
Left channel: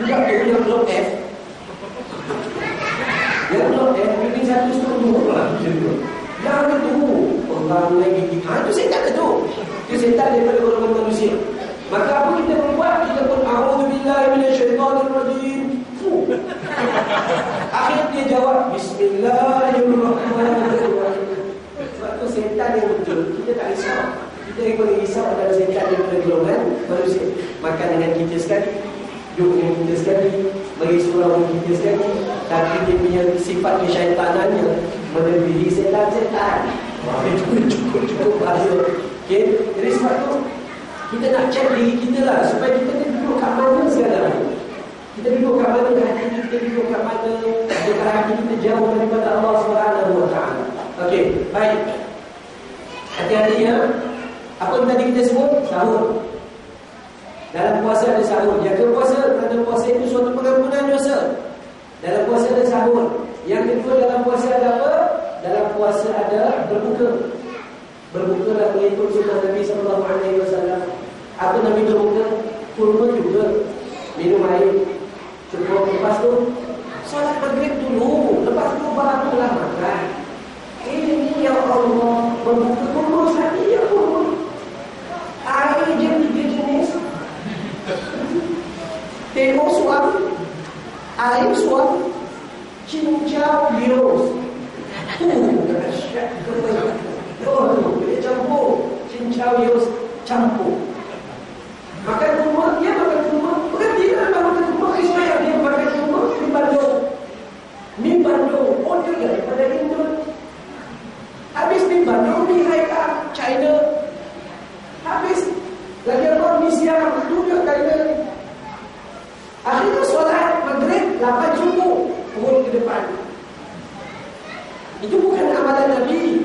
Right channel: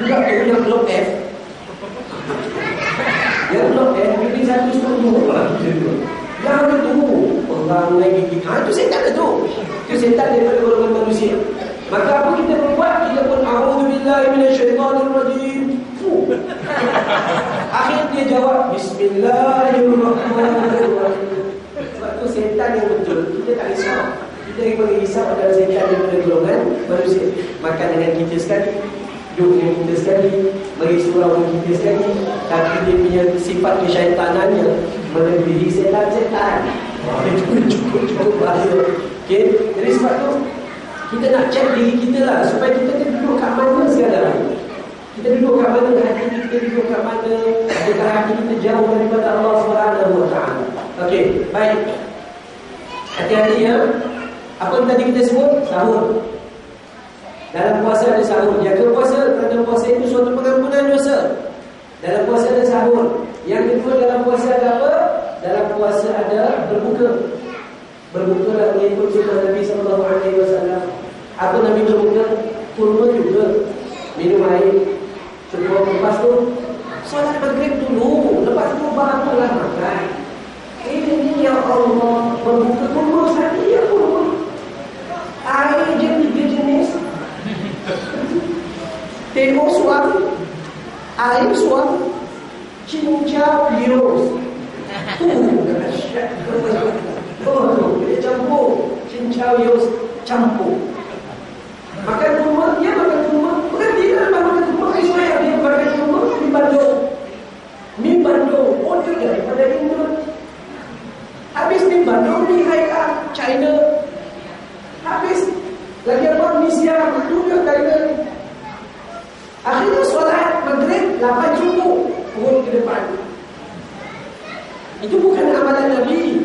Budak tu yang blok F. Yang blok F, mungkin satu setengah lah. Yang itu, orang lagi. Itu setan itu. Itu setan daripada golongan manusia. Maka apa kita buat? Kita pun A'udzubillahi minasyaitonirrajim. Akhir dia jawab Bismillahirrahmanirrahim. Sebab tu setan yang betul. Kita tak risau. Kita yang boleh risau adalah setan daripada golongan manusia. Makan dengan kita sekali, duduk dengan kita sekali, bagi surau dengan kita sekali. Tapi dia punya sifat kesyaitanannya melebihi setan-setan. Cukup bahaya. Okay? Jadi sebab tu kita nak cek diri kita lah, supaya kita duduk kat mana sekarang. Kita duduk kat mana hati kita, duduk kat mana adakah hati kita jauh daripada Allah Subhanahu Wa Taala. Okey, baik. Hati-hati ya. Apa yang tadi kita sebut? Sahur. Dalam puasa ada sahur. Jaga puasa, kerana puasa itu suatu pengampunan dosa. Dalam puasa ada sahur. Yang kedua dalam puasa ada apa? Dalam puasa ada berbuka. Berbuka lah mengikut sunnah Nabi SAW. Apa Nabi berbuka? Kurma juga, minum air. Cukup lepas tu solat maghrib dulu, lepas tu barulah makan. Ini ya Allah, berbuka kurma saja ya kurma. Air je 3 jenis. Tengok suami, air suami, cincau bios. Dahsyat. Oh, dia campur campur campur. Makan kurma, dia makan kurma. Bukan dia nak makan kurma, saya dia makan kurma di Bandung. Mi Bandung, order daripada Indo. Habis mi Bandung, mi Hai China. Habis lagi apa, mi Siam, itu dia China. Akhirnya solat maghrib 8 subuh turun ke depan. Itu bukan amalan Nabi.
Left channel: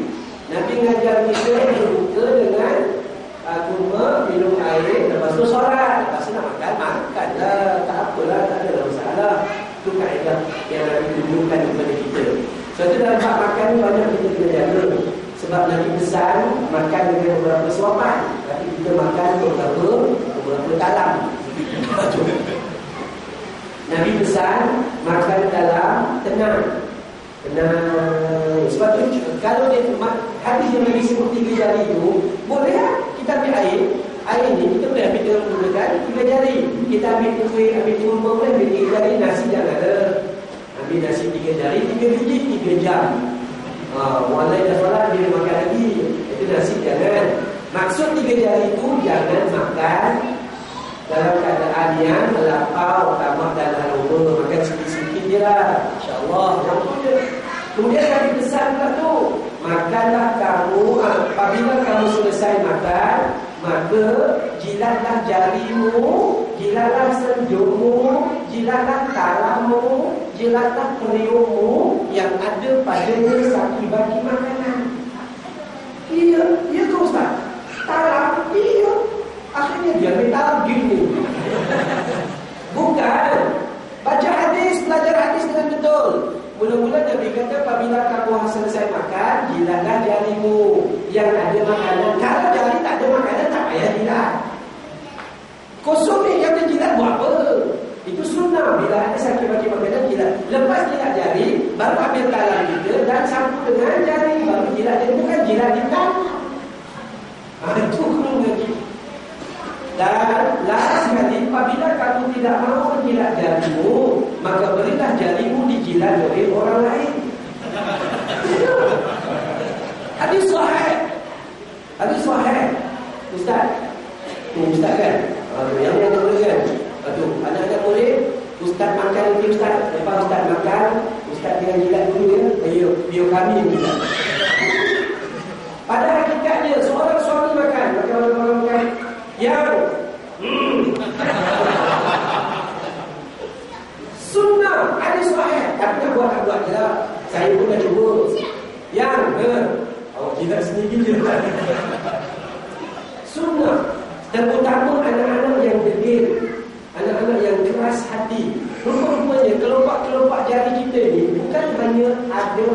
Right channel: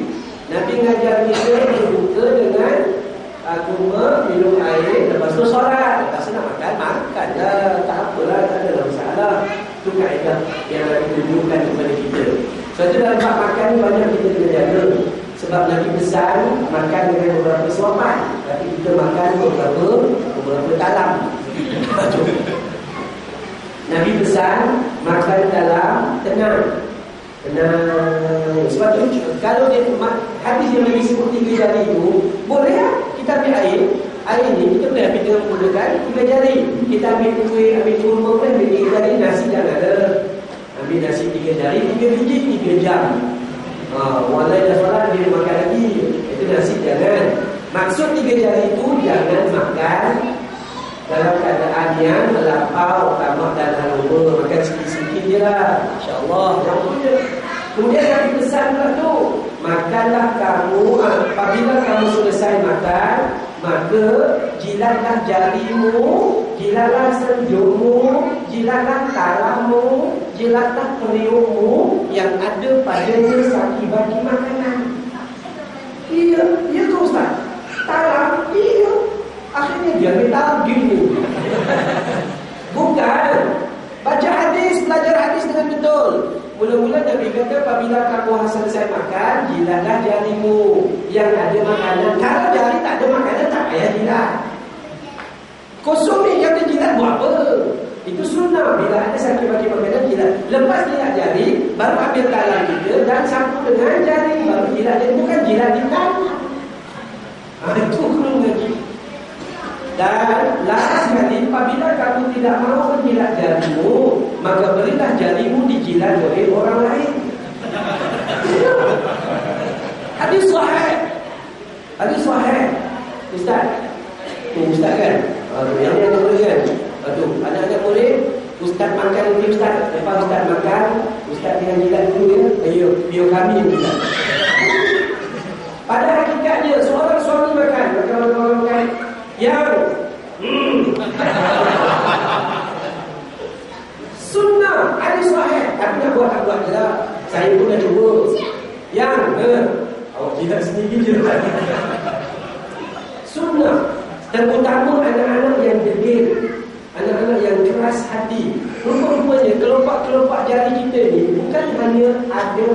Nabi ngajar kita berbuka dengan kurma, minum air, lepas tu solat. Lepas tu nak makan lah. Tak apalah, tak ada masalah. Itu kaedah yang Nabi tunjukkan kepada kita. Sebab tu dalam bab makan ni banyak kita kena jaga. Sebab Nabi pesan makan dengan beberapa suapan. Tapi kita makan beberapa talam. Nabi pesan makan dalam tenang. Sebab tu kalau dia hadis yang Nabi sebut 3 jari itu, boleh lah kita ambil air ni kita boleh ambil dengan menggunakan 3 jari. Kita ambil kuih, ambil kurma, boleh ambil 3 jari. Nasi jangan ada, ambil nasi 3 jari, 3 biji 3 jam. Orang lain dah solat, dia makan lagi. Itu nasi jangan. Maksud 3 jari itu jangan makan dalam keadaan yang melampau, tamak dan aroma. Makan sikit-sikit je lah, InsyaAllah. Yang punya. Kemudian Nabi pesan pula tu, makanlah kamu, apabila kamu selesai makan, maka jilatlah jarimu, jilatlah senjungmu, jilatlah talammu, jilatlah periukmu yang ada padanya bagi makanan. Iya tu Ustaz. Talam, iya. Akhirnya dia minta gini. Bukan. Baca hadis, belajar hadis dengan betul. Mula-mula Nabi kata, apabila kamu selesai makan, jilatlah jarimu yang ada makanan. Kalau jari tak ada makanan, tak payah jilat. Kosong ni yang ada jilat buat apa? Itu sunnah. Bila ada sakit bagi makanan, jilat. Lepas jilat jari, baru ambil talam kita dan sambung dengan jari. Baru jilat jari. Bukan jilat di tangan. Itu kurang lagi. Dan last sekali, apabila kamu tidak mahu menjilat jarimu, maka berilah jarimu dijilat oleh orang lain. Hadis sahih. Hadis sahih. Ustaz. Ustaz kan? Yang ada murid kan? Anak-anak murid, Ustaz makan nanti Ustaz. Lepas Ustaz makan, Ustaz dengan jilat dulu ya. Biar kami yang jilat. Pada hakikatnya, seorang suami makan yang sunnah hadis sahih. Tapi nak buat je lah. Saya pun dah cuba. Yang awak jilat sendiri je. Sunnah. Terutama anak-anak yang degil, anak-anak yang keras hati. Rupa-rupanya kelopak-kelopak jari kita ni bukan hanya ada